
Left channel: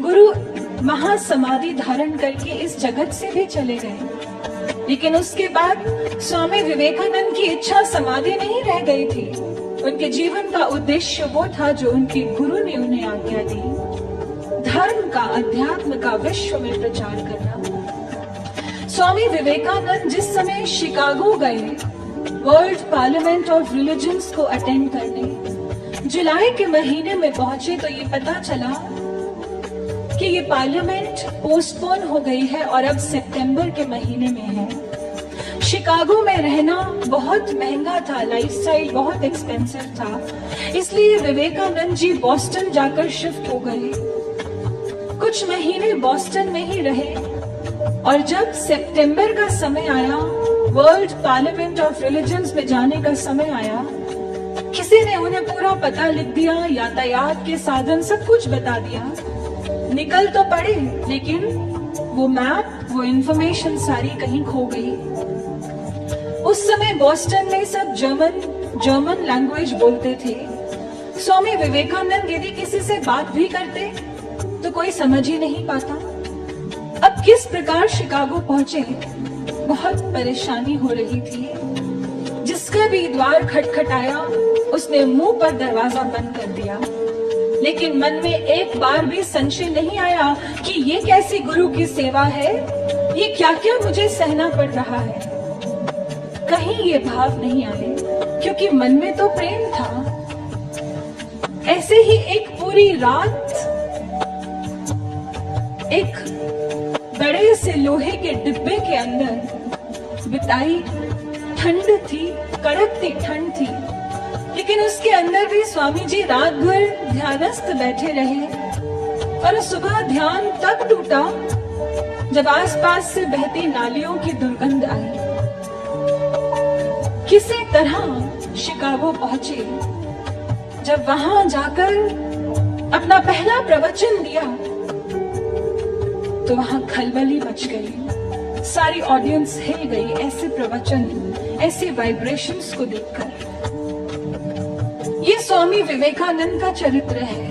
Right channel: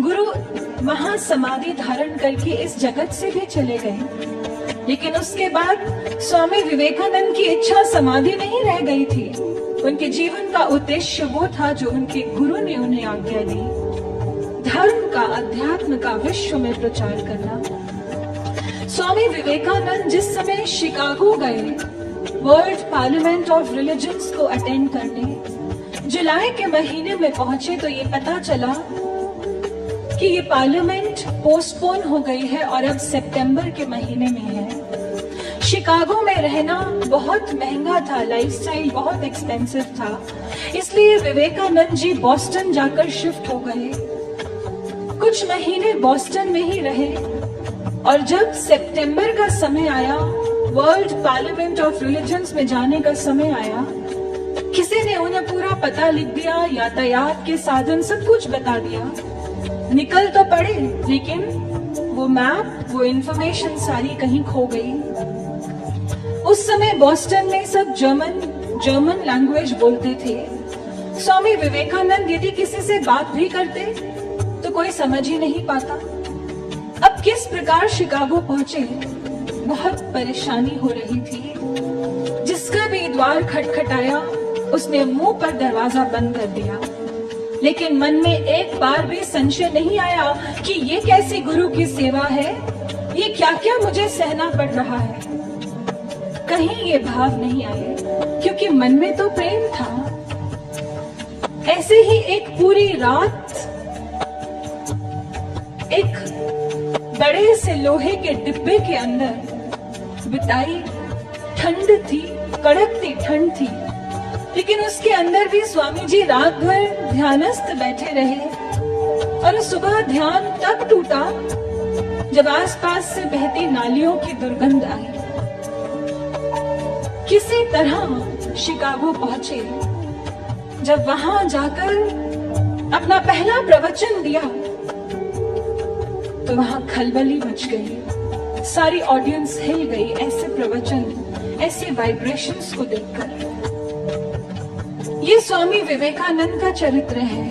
गुरु महासमाधि धारण करके इस जगत से भी चले गए। लेकिन उसके बाद स्वामी विवेकानंद की इच्छा समाधि नहीं रह गई थी। उनके जीवन का उद्देश्य वो था जो उनके गुरु ने उन्हें आज्ञा दी, धर्म का, अध्यात्म का विश्व में प्रचार करना। स्वामी विवेकानंद जिस समय शिकागो गए वर्ल्ड पार्लियामेंट ऑफ रिलीजन्स को अटेंड करने, जुलाई के महीने में पहुंचे तो ये पता चला कि ये पार्लियामेंट पोस्टपोन हो गई है और अब सितंबर के महीने में है। शिकागो में रहना बहुत महंगा था, लाइफस्टाइल बहुत एक्सपेंसिव था, इसलिए विवेकानंद जी बॉस्टन जाकर शिफ्ट हो गए। कुछ महीने बॉस्टन में ही रहे और जब सितंबर का समय आया, वर्ल्ड पार्लियामेंट ऑफ रिलीजन्स में जाने का समय आया, किसी ने उन्हें पूरा पता लिख दिया, यातायात के साधन सब कुछ बता दिया। निकल तो पड़े, लेकिन वो मैप, वो इंफॉर्मेशन सारी कहीं खो गई। उस समय बॉस्टन में सब जर्मन लैंग्वेज बोलते थे। स्वामी विवेकानंद यदि किसी से बात भी करते तो कोई समझ ही नहीं पाता। अब किस प्रकार शिकागो पहुंचे, बहुत परेशानी हो रही थी। जिसका भी द्वार खटखटाया, उसने मुंह पर दरवाजा बंद कर दिया, लेकिन मन में एक बार भी संशय नहीं आया कि ये कैसी गुरु की सेवा है, ये क्या क्या मुझे सहना पड़ रहा है। कहीं ये भाव नहीं आए, क्योंकि मन में तो प्रेम था। ऐसे ही एक पूरी रात एक बड़े से लोहे के डिब्बे के अंदर बिताई। ठंड थी, कड़कती ठंड थी, लेकिन उसके अंदर भी स्वामी जी रात भर ध्यानस्थ बैठे रहे और सुबह ध्यान तब टूटा जब आसपास से बहती नालियों की दुर्गंध आई। किसी तरह शिकागो पहुंचे। जब वहां जाकर अपना पहला प्रवचन दिया तो वहां खलबली मच गई, सारी ऑडियंस हिल गई ऐसे प्रवचन, ऐसे वाइब्रेशंस को देखकर। ये स्वामी विवेकानंद का चरित्र है,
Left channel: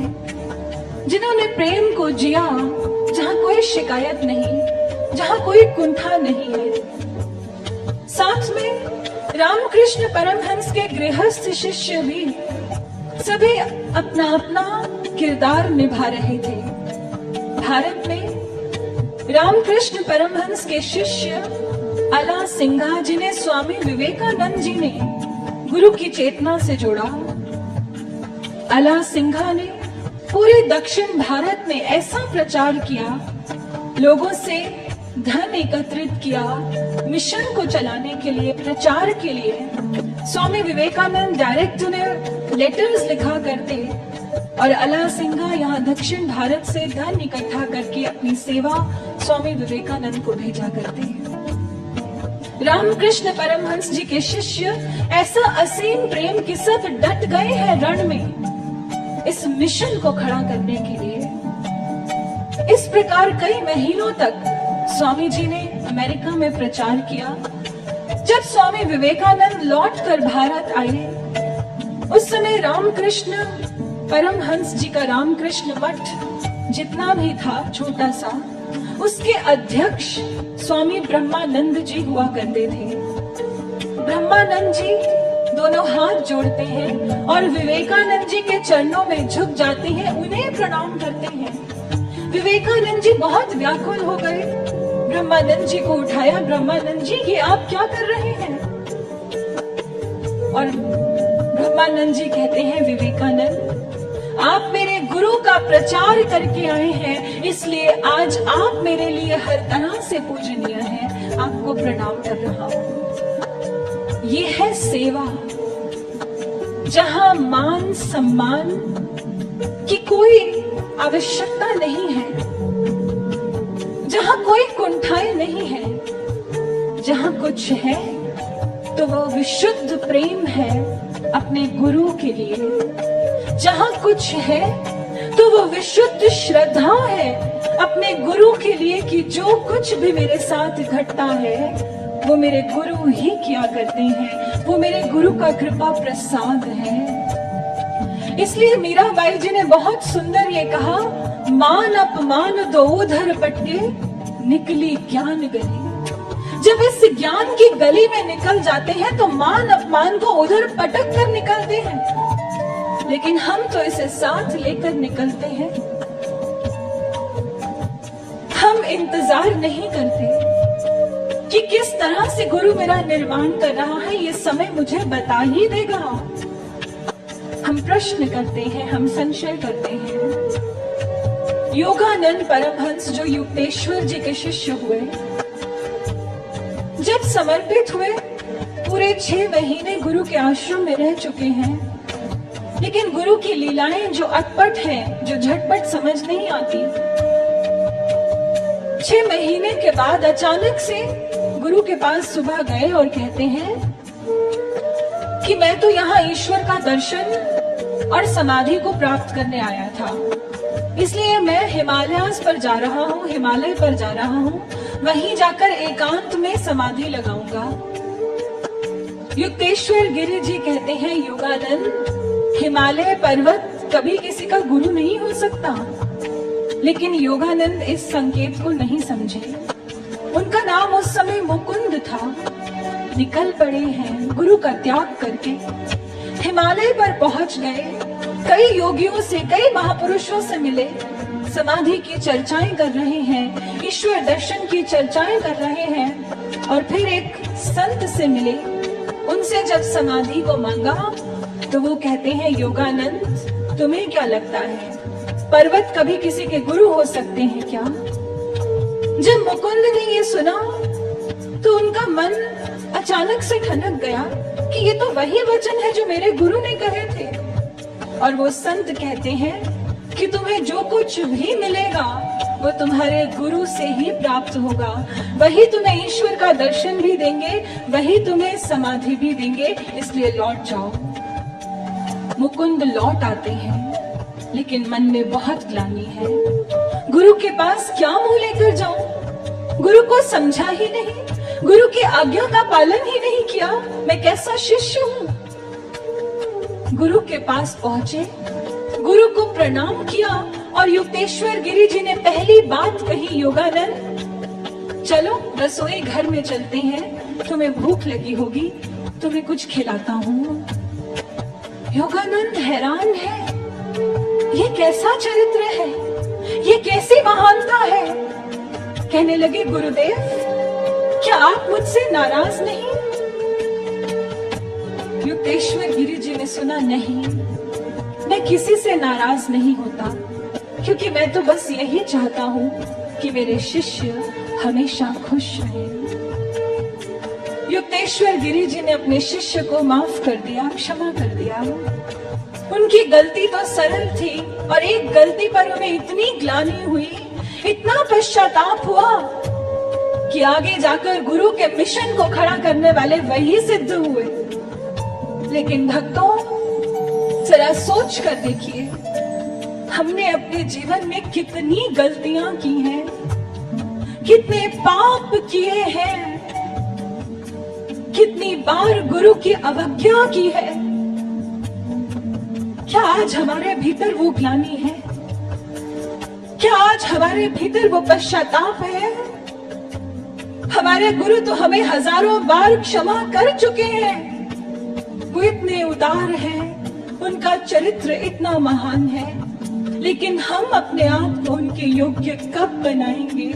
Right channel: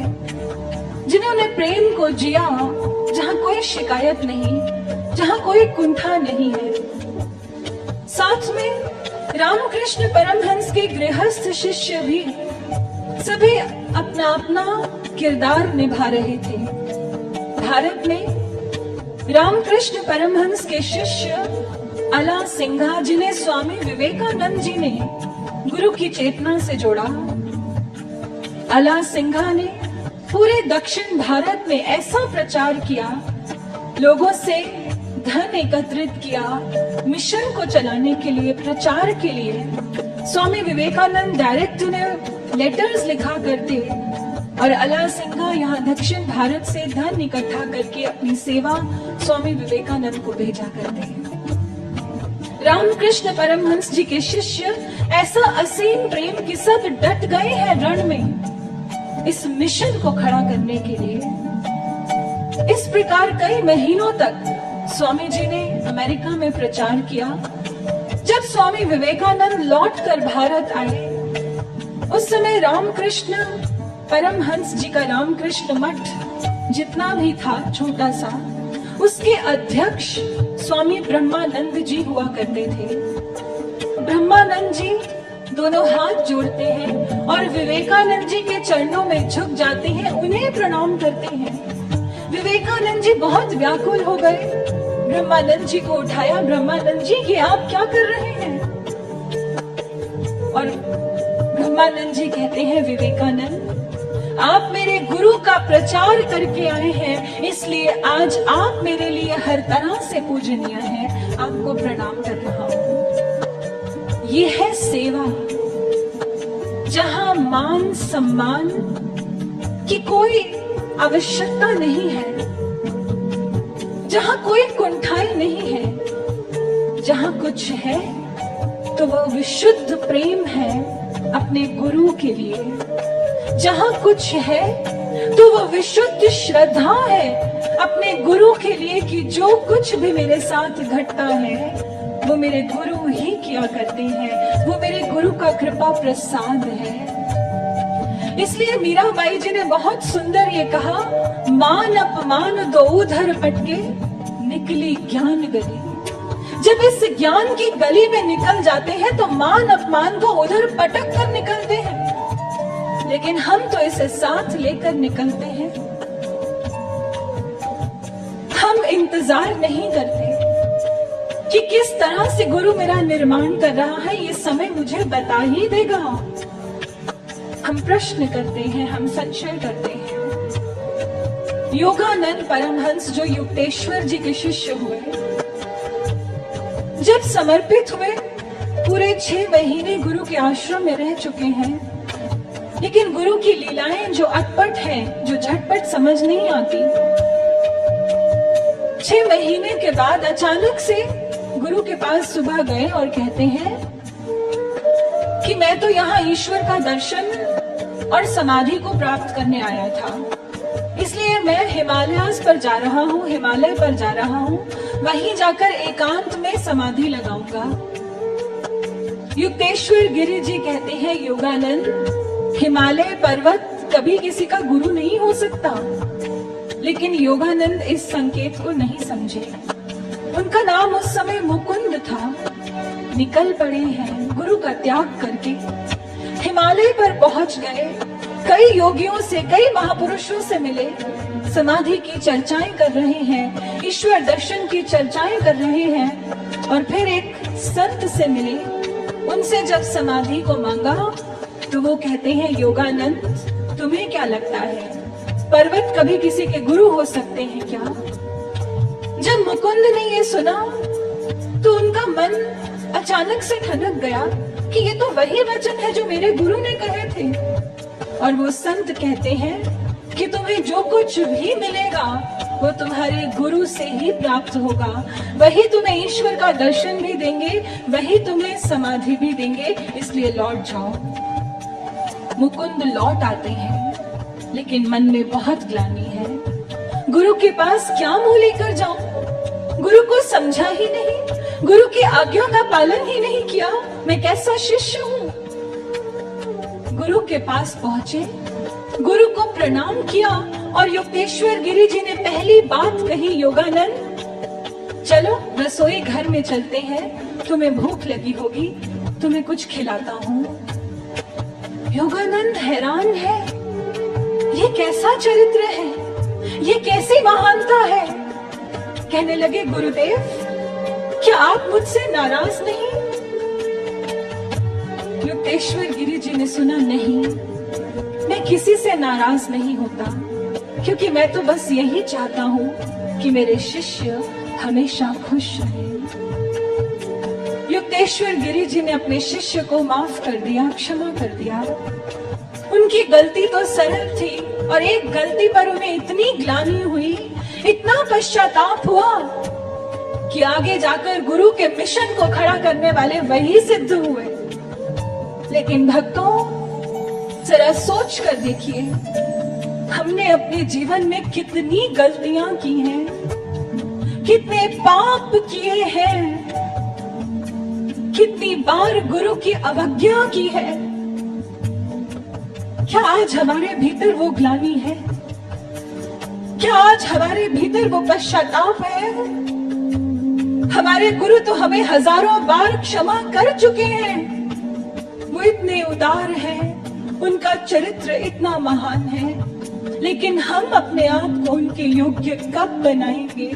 जिन्होंने प्रेम को जिया जहां कोई शिकायत नहीं, जहां कोई कुंठा नहीं है। साथ में रामकृष्ण परमहंस के गृहस्थ शिष्य भी सभी अपना अपना किरदार निभा रहे थे। भारत में रामकृष्ण परमहंस के शिष्य अला सिंघा, जिन्हें स्वामी विवेकानंद जी ने गुरु की चेतना से जोड़ा, अला सिंघा ने पूरे दक्षिण भारत में ऐसा प्रचार किया, लोगों से धन एकत्रित किया, मिशन को चलाने के लिए, प्रचार के लिए। स्वामी विवेकानंद डायरेक्ट उन्हें लेटर्स लिखा करते और अला सिंघा यहाँ दक्षिण भारत से धन इकट्ठा करके अपनी सेवा स्वामी विवेकानंद को भेजा करते। रामकृष्ण परमहंस जी के शिष्य ऐसा असीम प्रेम के साथ डट गए हैं रण में इस मिशन को खड़ा करने के लिए। इस प्रकार कई महीनों तक स्वामी जी ने अमेरिका में प्रचार किया। जब स्वामी विवेकानंद लौटकर भारत आए, उस समय रामकृष्ण परमहंस जी का रामकृष्ण मठ जितना भी था छोटा सा, उसके अध्यक्ष स्वामी ब्रह्मानंद जी हुआ करते थे। ब्रह्मानंद जी दोनों हाथ जोड़ते हैं और विवेकानंद जी के चरणों में झुक जाती हैं, उन्हें प्रणाम करते हैं। विवेकानंद जी बहुत व्याकुल हो गए, ब्रह्मानंद जी को उठाया, ब्रह्मानंद जी ये आप क्या कर रहे हैं? और ब्रह्मानंद जी कहते हैं, विवेकानंद आप मेरे गुरु का प्रचार करके आए हैं, इसलिए आज आप मेरे लिए हर तरह से पूजनीय हैं, आपको प्रणाम कर रहा हूं। ये है सेवा, जहां मान सम्मान की कोई आवश्यकता नहीं है, जहां कोई कुंठाई नहीं है, जहां कुछ है तो वह विशुद्ध प्रेम है अपने गुरु के लिए। जहां कुछ है तो वह विशुद्ध श्रद्धा है अपने गुरु के लिए कि जो कुछ भी मेरे साथ घटता है वो मेरे गुरु ही किया करते हैं, वो मेरे गुरु का कृपा प्रसाद है। इसलिए मीराबाई जी ने बहुत सुंदर ये कहा, मान अपमान दो उधर पटके निकली ज्ञान गली। जब इस ज्ञान की गली में निकल जाते हैं तो मान अपमान को उधर पटक कर निकलते हैं, लेकिन हम तो इसे साथ लेकर निकलते हैं। हम इंतजार नहीं करते कि किस तरह से गुरु मेरा निर्माण कर रहा है, ये समय मुझे बता ही देगा। हम प्रश्न करते हैं, हम संशय करते हैं। योगानंद परमहंस जो युक्तेश्वर जी के शिष्य हुए, जब समर्पित हुए, पूरे 6 महीने गुरु के आश्रम में रह चुके हैं, लेकिन गुरु की लीलाएं जो अटपट हैं, जो झटपट समझ नहीं आती। 6 महीने के बाद अचानक से गुरु के पास सुबह गए और कहते हैं कि मैं तो यहाँ ईश्वर का दर्शन और समाधि को प्राप्त करने आया था, इसलिए मैं हिमालयास पर जा रहा हूँ, हिमालय पर जा रहा हूँ, वहीं जाकर एकांत में समाधि लगाऊंगा। युक्तेश्वर गिरि जी कहते हैं, योगानंद, हिमालय पर्वत कभी किसी का गुरु नहीं हो सकता। लेकिन योगानंद इस संकेत को नहीं समझे। उनका नाम उस समय मुकुंद था। निकल पड़े हैं गुरु का त्याग करके, हिमालय पर पहुंच गए, कई योगियों से, कई महापुरुषों से मिले, समाधि की चर्चाएं कर रहे हैं, ईश्वर दर्शन की चर्चाएं कर रहे हैं, और फिर एक संत से मिले। उनसे जब समाधि को मांगा तो वो कहते हैं, योगानंद, तुम्हें क्या लगता है पर्वत कभी किसी के गुरु हो सकते हैं क्या? जब मुकुंद ने ये सुना तो उनका मन अचानक से ठनक गया कि ये तो वही वचन है जो मेरे गुरु ने कहे थे। और वो संत कहते हैं कि तुम्हें जो कुछ भी मिलेगा वो तुम्हारे गुरु से ही प्राप्त होगा, वही तुम्हें ईश्वर का दर्शन भी देंगे, वही तुम्हें समाधि भी देंगे, इसलिए लौट जाओ। मुकुंद लौट आते हैं, लेकिन मन में बहुत ग्लानि है। गुरु के पास क्या मुंह लेकर जाऊं? गुरु को समझा ही नहीं, गुरु की आज्ञा का पालन ही नहीं किया, मैं कैसा शिष्य हूं? गुरु के पास पहुंचे, गुरु को प्रणाम किया, और युक्तेश्वर गिरि जी ने पहली बात कही, योगानंद, चलो रसोई घर में चलते हैं, तुम्हें भूख लगी होगी, तुम्हें कुछ खिलाता हूं। योगानंद हैरान है, ये कैसा चरित्र है, ये कैसी महानता है। कहने लगे, गुरुदेव, क्या आप मुझसे नाराज नहीं? युक्तेश्वर गिरि जी ने सुना, नहीं, मैं किसी से नाराज नहीं होता, क्योंकि मैं तो बस यही चाहता हूँ कि मेरे शिष्य हमेशा खुश रहें। युक्तेश्वर गिरि जी ने अपने शिष्य को माफ कर दिया, क्षमा कर दिया। उनकी गलती तो सरल थी, और एक गलती पर उन्हें इतनी ग्लानि हुई, इतना पश्चाताप हुआ कि आगे जाकर गुरु के मिशन को खड़ा करने वाले वही सिद्ध हुए। लेकिन भक्तों, जरा सोच कर देखिए, हमने अपने जीवन में कितनी गलतियां की हैं, कितने पाप किए हैं, कितनी बार गुरु की अवज्ञा की है। क्या आज हमारे भीतर वो ग्लानि है? क्या आज हमारे भीतर वो पश्चाताप है? हमारे गुरु तो हमें हजारों बार क्षमा कर चुके हैं। वो इतने उदार हैं, उनका चरित्र इतना महान है, लेकिन हम अपने आप को उनके योग्य कब बनाएंगे?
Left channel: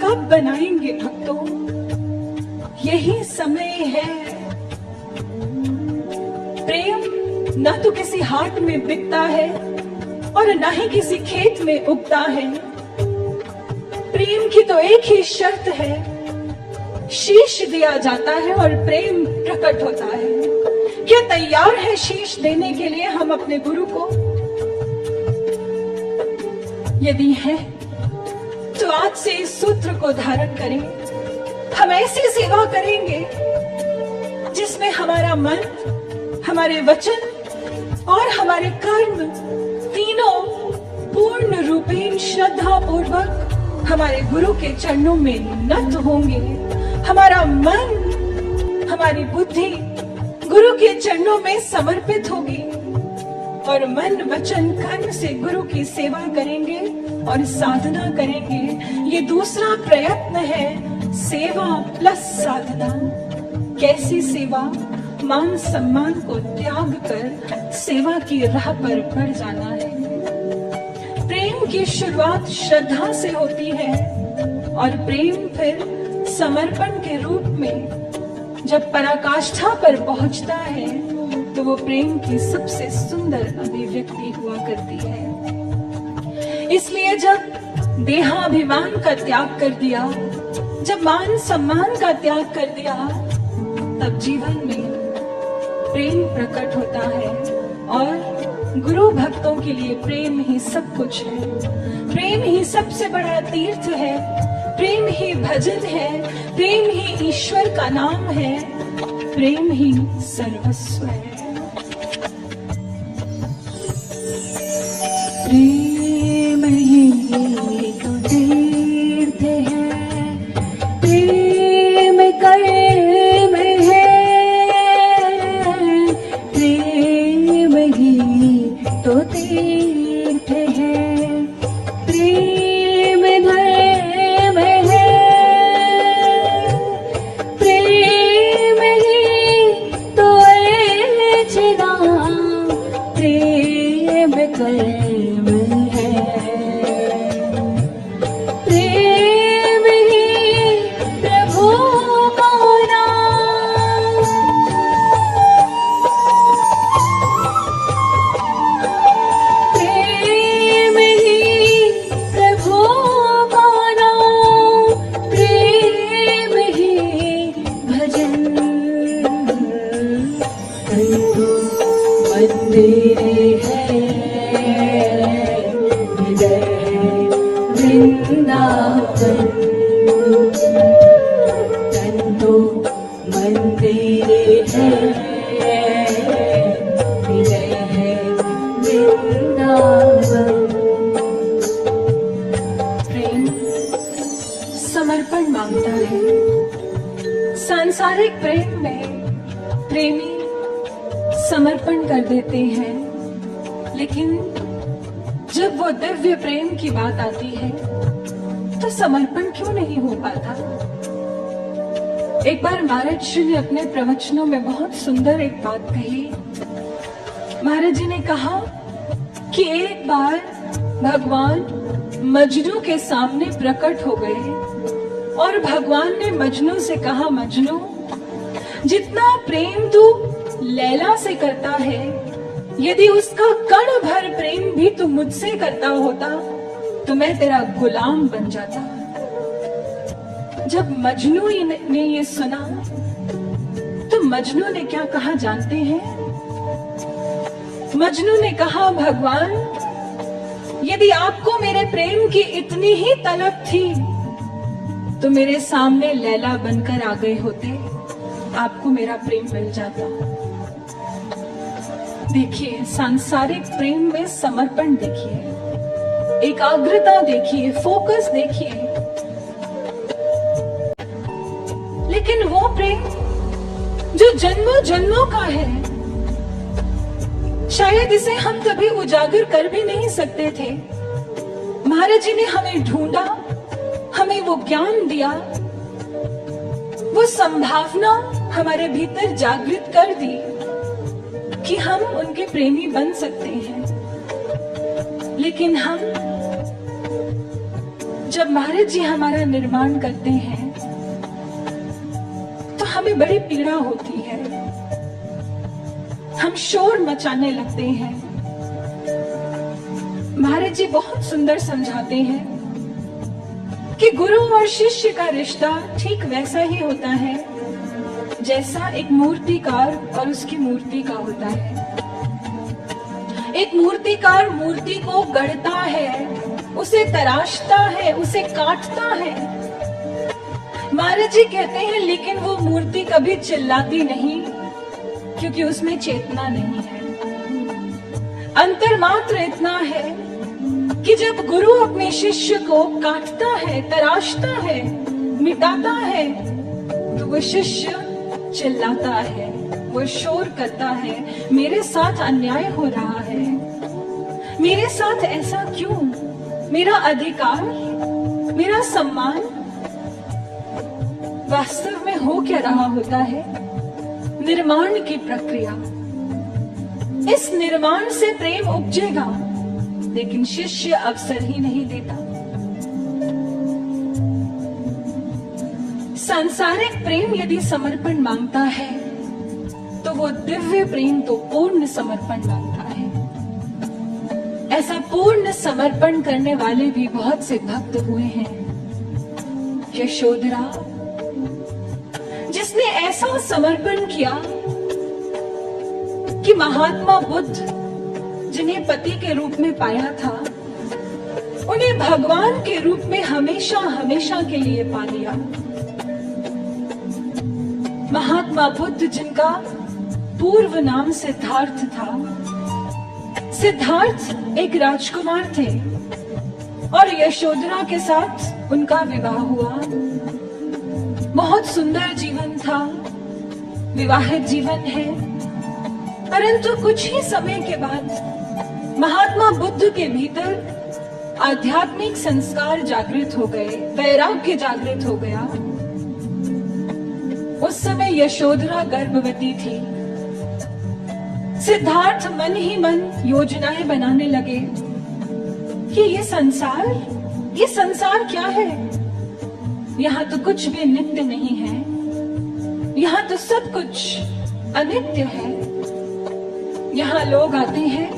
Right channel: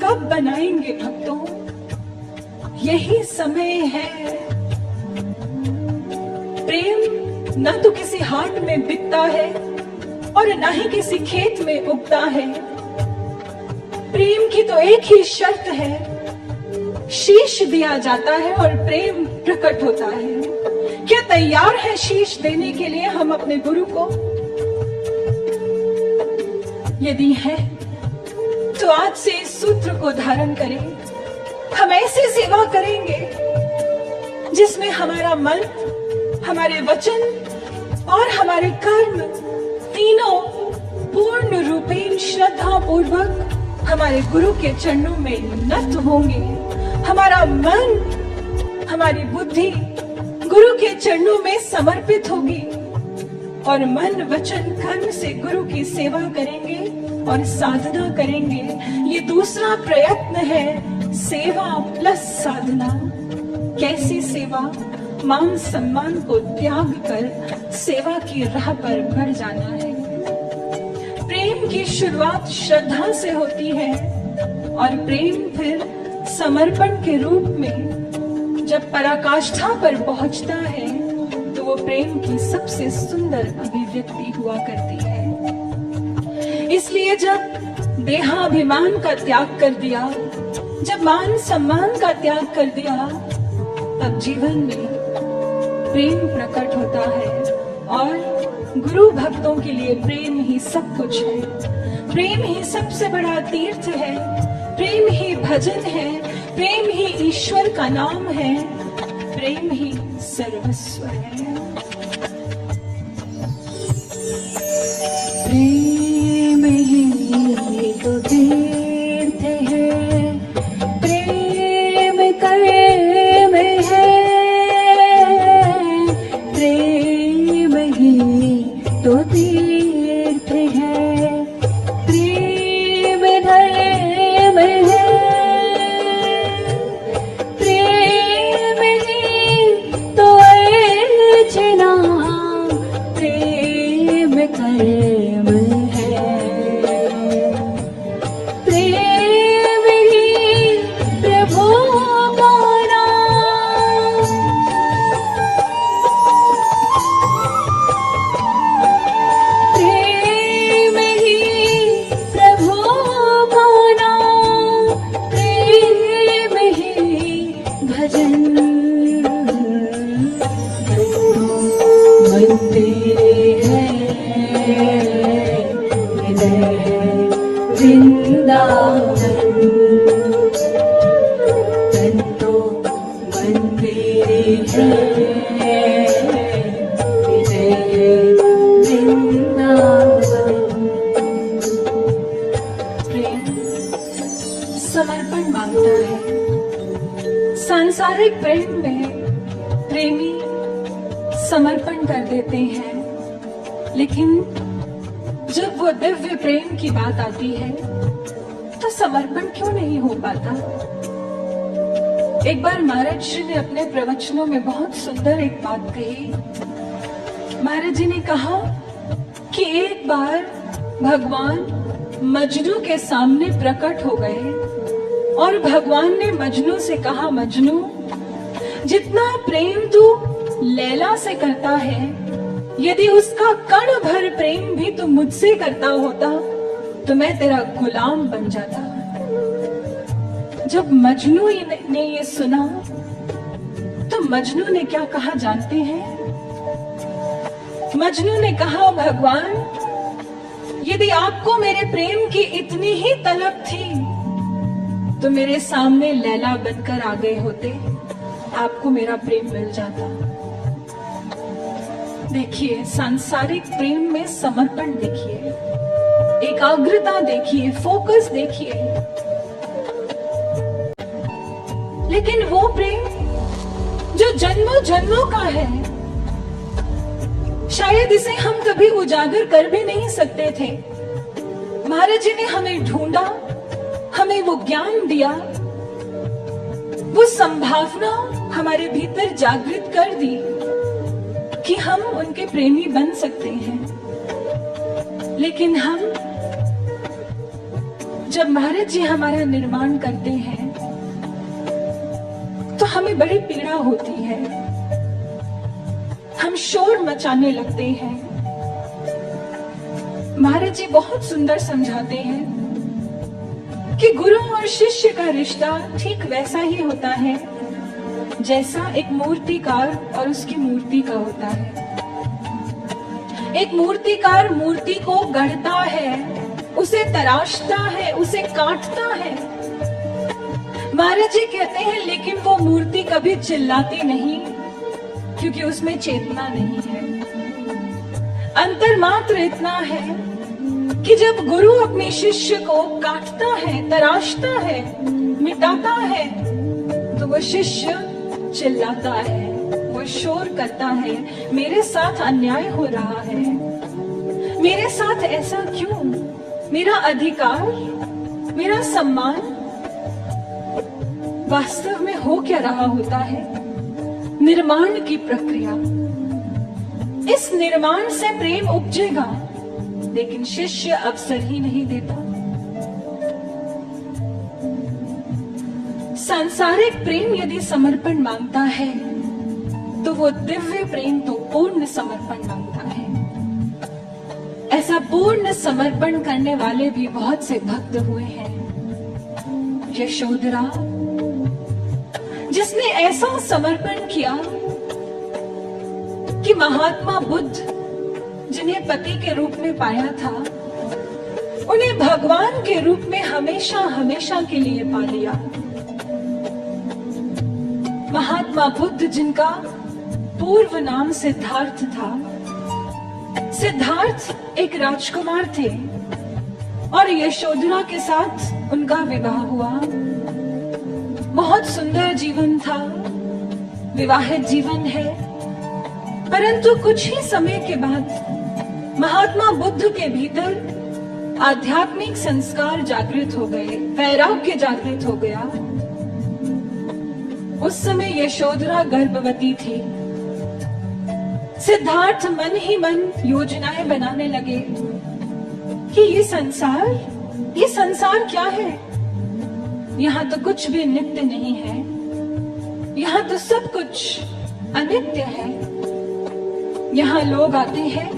कब बनाएंगे भक्तों? यही समय है। प्रेम ना तो किसी हाट में बिकता है और ना ही किसी खेत में उगता है। प्रेम की तो एक ही शर्त है, शीश दिया जाता है और प्रेम प्रकट होता है। क्या तैयार है शीश देने के लिए हम अपने गुरु को? यदि है तो आज से इस सूत्र को धारण करें। हम ऐसी सेवा करेंगे जिसमें हमारा मन, हमारे वचन और हमारे कर्म तीनों पूर्ण रूपेण श्रद्धा पूर्वक हमारे गुरु के चरणों में नत होंगे। हमारा मन, हमारी बुद्धि गुरु के चरणों में समर्पित होगी और मन, वचन, कर्म से गुरु की सेवा करेंगे और साधना करेंगे। ये दूसरा प्रयत्न है, सेवा प्लस साधना। कैसी सेवा? मान सम्मान को त्याग कर सेवा की राह पर बढ़ जाना है। प्रेम की शुरुआत श्रद्धा से होती है और प्रेम फिर समर्पण के रूप में जब पराकाष्ठा पर पहुंचता है तो वो प्रेम की सबसे सुंदर अभिव्यक्ति हुआ करती है। इसलिए जब देहाभिमान का त्याग कर दिया, जब मान सम्मान का त्याग कर दिया, तब जीवन में प्रेम प्रकट होता है और गुरु भक्तों के लिए प्रेम ही सब कुछ है। प्रेम ही सबसे बड़ा तीर्थ है, प्रेम ही भजन है, प्रेम ही ईश्वर का नाम है, प्रेम ही सर्वस्व है। प्रेम ही तो तीर्थ है, प्रेम कर्म है, प्रेम ही तो तीर्थ है, प्रेम धर्म है, प्रेम ही तो अर्चना, प्रेम कर्म है, प्रेम ही प्रभु मोरा, प्रेम ही प्रभु मोरा, प्रेम ही भजन। तंतु मंदिर है, हृदय है वृंदावन। तंतु मंदिर है, हृदय है वृंदावन। प्रेम समर्पण मांगता है। सांसारिक प्रेम में प्रेमी समर्पण कर देते हैं, लेकिन जब वो दिव्य प्रेम की बात आती है तो समर्पण क्यों नहीं हो पाता? एक बार महाराज जी ने अपने प्रवचनों में बहुत सुंदर एक बात कही। महाराज जी ने कहा कि एक बार भगवान मजनू के सामने प्रकट हो गए और भगवान ने मजनू से कहा, मजनू, जितना प्रेम तू लैला से करता है, यदि उसका कण भर प्रेम भी तू मुझसे करता होता तो मैं तेरा गुलाम बन जाता। जब मजनू ने ये सुना तो मजनू ने क्या कहा जानते हैं? मजनू ने कहा, भगवान, यदि आपको मेरे प्रेम की इतनी ही तलब थी तो मेरे सामने लैला बनकर आ गए होते, आपको मेरा प्रेम मिल जाता। देखिए, सांसारिक प्रेम में समर्पण देखिए, एकाग्रता देखिए, फोकस देखिए, लेकिन वो प्रेम जो जन्मों जन्मों का है, शायद इसे हम कभी उजागर कर भी नहीं सकते थे। महाराज जी ने हमें ढूंढा, हमें वो ज्ञान दिया, वो संभावना हमारे भीतर जागृत कर दी कि हम उनके प्रेमी बन सकते हैं, लेकिन हम जब महाराज जी हमारा निर्माण करते हैं तो हमें बड़ी पीड़ा होती है, हम शोर मचाने लगते हैं। महाराज जी बहुत सुंदर समझाते हैं कि गुरु और शिष्य का रिश्ता ठीक वैसा ही होता है जैसा एक मूर्तिकार और उसकी मूर्ति का होता है। एक मूर्तिकार मूर्ति को गढ़ता है, उसे तराशता है, उसे काटता है। महाराज जी कहते हैं लेकिन वो मूर्ति कभी चिल्लाती नहीं, क्योंकि उसमें चेतना नहीं है। अंतर मात्र इतना है कि जब गुरु अपने शिष्य को काटता है, तराशता है, मिटाता है, तो वो शिष्य चिल्लाता है, वो शोर करता है, मेरे साथ अन्याय हो रहा है, मेरे साथ ऐसा क्यों, मेरा अधिकार, मेरा सम्मान। वास्तव में हो क्या रहा होता है? निर्माण की प्रक्रिया। इस निर्माण से प्रेम उपजेगा, लेकिन शिष्य अवसर ही नहीं देता। सांसारिक प्रेम यदि समर्पण मांगता है तो वो दिव्य प्रेम तो पूर्ण समर्पण मांगता है। ऐसा पूर्ण समर्पण करने वाले भी बहुत से भक्त हुए हैं। यशोधरा जिसने ऐसा समर्पण किया कि महात्मा बुद्ध जिन्हें पति के रूप में पाया था, उन्हें भगवान के रूप में हमेशा हमेशा के लिए पा लिया। महात्मा बुद्ध जिनका पूर्व नाम सिद्धार्थ था, सिद्धार्थ एक राजकुमार थे और यशोधरा के साथ उनका विवाह हुआ। बहुत सुंदर जीवन था, विवाहित जीवन है। परंतु कुछ ही समय के बाद महात्मा बुद्ध के भीतर आध्यात्मिक संस्कार जागृत हो गए, वैराग्य जागृत हो गया। उस समय यशोधरा गर्भवती थी। सिद्धार्थ मन ही मन योजनाएं बनाने लगे कि ये संसार क्या है? यहाँ तो कुछ भी नित्य नहीं है, यहाँ तो सब कुछ अनित्य है। यहाँ लोग आते हैं,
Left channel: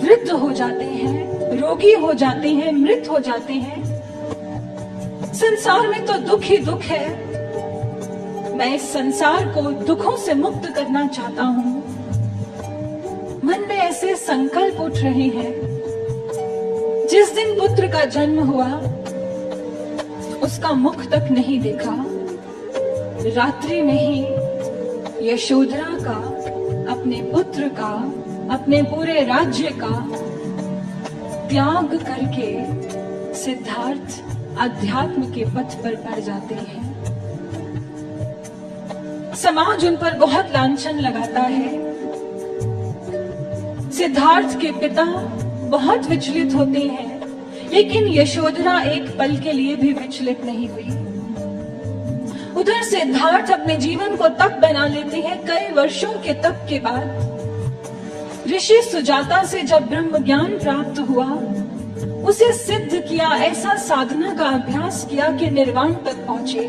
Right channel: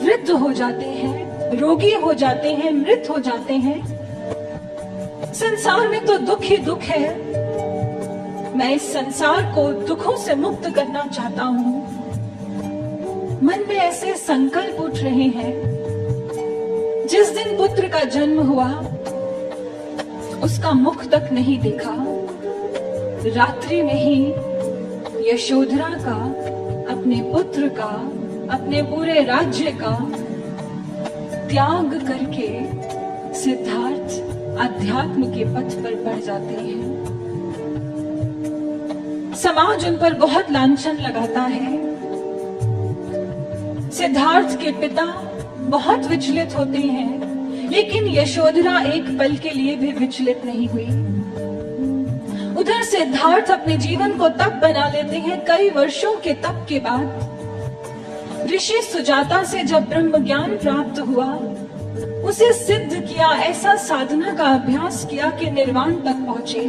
वृद्ध हो जाते हैं, रोगी हो जाते हैं, मृत हो जाते हैं। संसार में तो दुख ही दुख है। मैं इस संसार को दुखों से मुक्त करना चाहता हूँ। मन में ऐसे संकल्प उठ रहे हैं। जिस दिन पुत्र का जन्म हुआ, उसका मुख तक नहीं देखा। रात्रि में ही यशोधरा का, अपने पुत्र का, अपने पूरे राज्य का त्याग करके सिद्धार्थ अध्यात्म के पथ पर बढ़ जाते हैं। समाज उन पर बहुत लांछन लगाता है। सिद्धार्थ के पिता बहुत विचलित होते हैं, लेकिन यशोधरा एक पल के लिए भी विचलित नहीं हुई। उधर सिद्धार्थ अपने जीवन को तप बना लेते हैं। कई वर्षों के तप के बाद ऋषि सुजाता से जब ब्रह्म ज्ञान प्राप्त हुआ, उसे सिद्ध किया, ऐसा साधना का अभ्यास किया कि निर्वाण तक पहुंचे।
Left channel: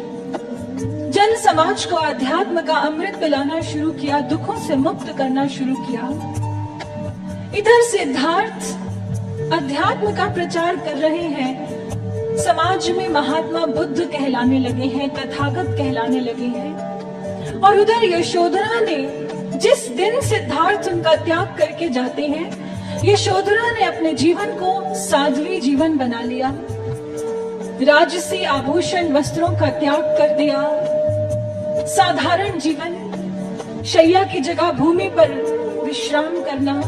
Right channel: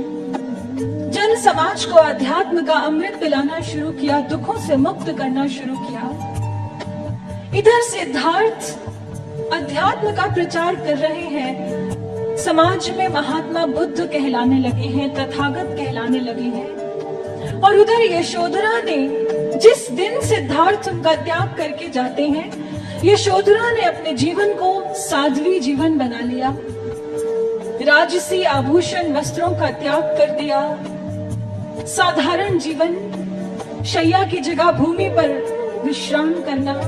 जन समाज को अध्यात्म का अमृत पिलाना शुरू किया, दुखों से मुक्त करना शुरू किया। इधर सिद्धार्थ अध्यात्म का प्रचार कर रहे हैं, समाज में महात्मा बुद्ध कहलाने लगे हैं, तथागत कहलाने लगे हैं। और उधर यशोधरा ने, जिस दिन सिद्धार्थ उनका त्याग करके जाते हैं, यशोधरा ने अपने जीवन को साध्वी जीवन बना लिया। राजसी आभूषण वस्त्रों का त्याग कर दिया। साधारण जीवन, शैया की जगह भूमि पर विश्राम करना,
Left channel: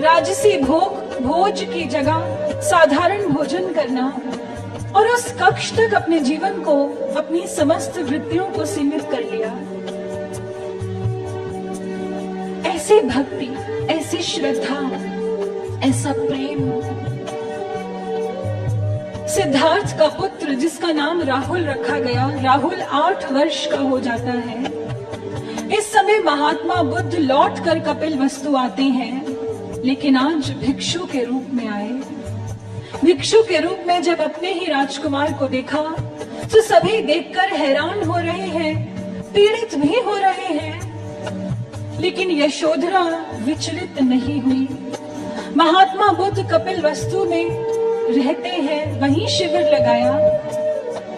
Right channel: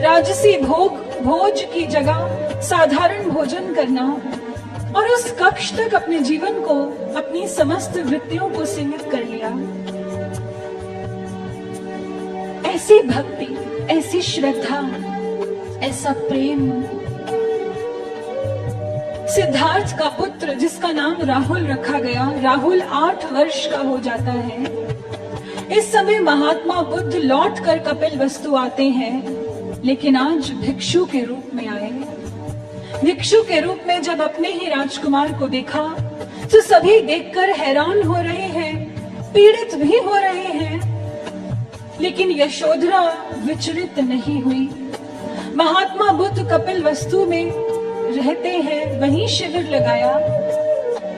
राजसी भोज की जगह साधारण भोजन करना, और उस कक्ष तक अपने जीवन को, अपनी समस्त वृत्तियों को सीमित कर लिया। ऐसे भक्ति, ऐसी श्रद्धा, ऐसा प्रेम। सिद्धार्थ का पुत्र जिसका नाम राहुल रखा गया, राहुल 8 वर्ष का हो जाता है। इस समय महात्मा बुद्ध लौट कर कपिलवस्तु आते हैं, लेकिन आज भिक्षु के रूप में आए। भिक्षु के रूप में जब अपने ही राजकुमार को देखा तो सभी देखकर हैरान हो रहे हैं, पीड़ित भी हो रहे हैं, लेकिन यशोधरा विचलित नहीं हुई। महात्मा बुद्ध कपिलवस्तु में रहते हैं, वहीं शिविर लगाया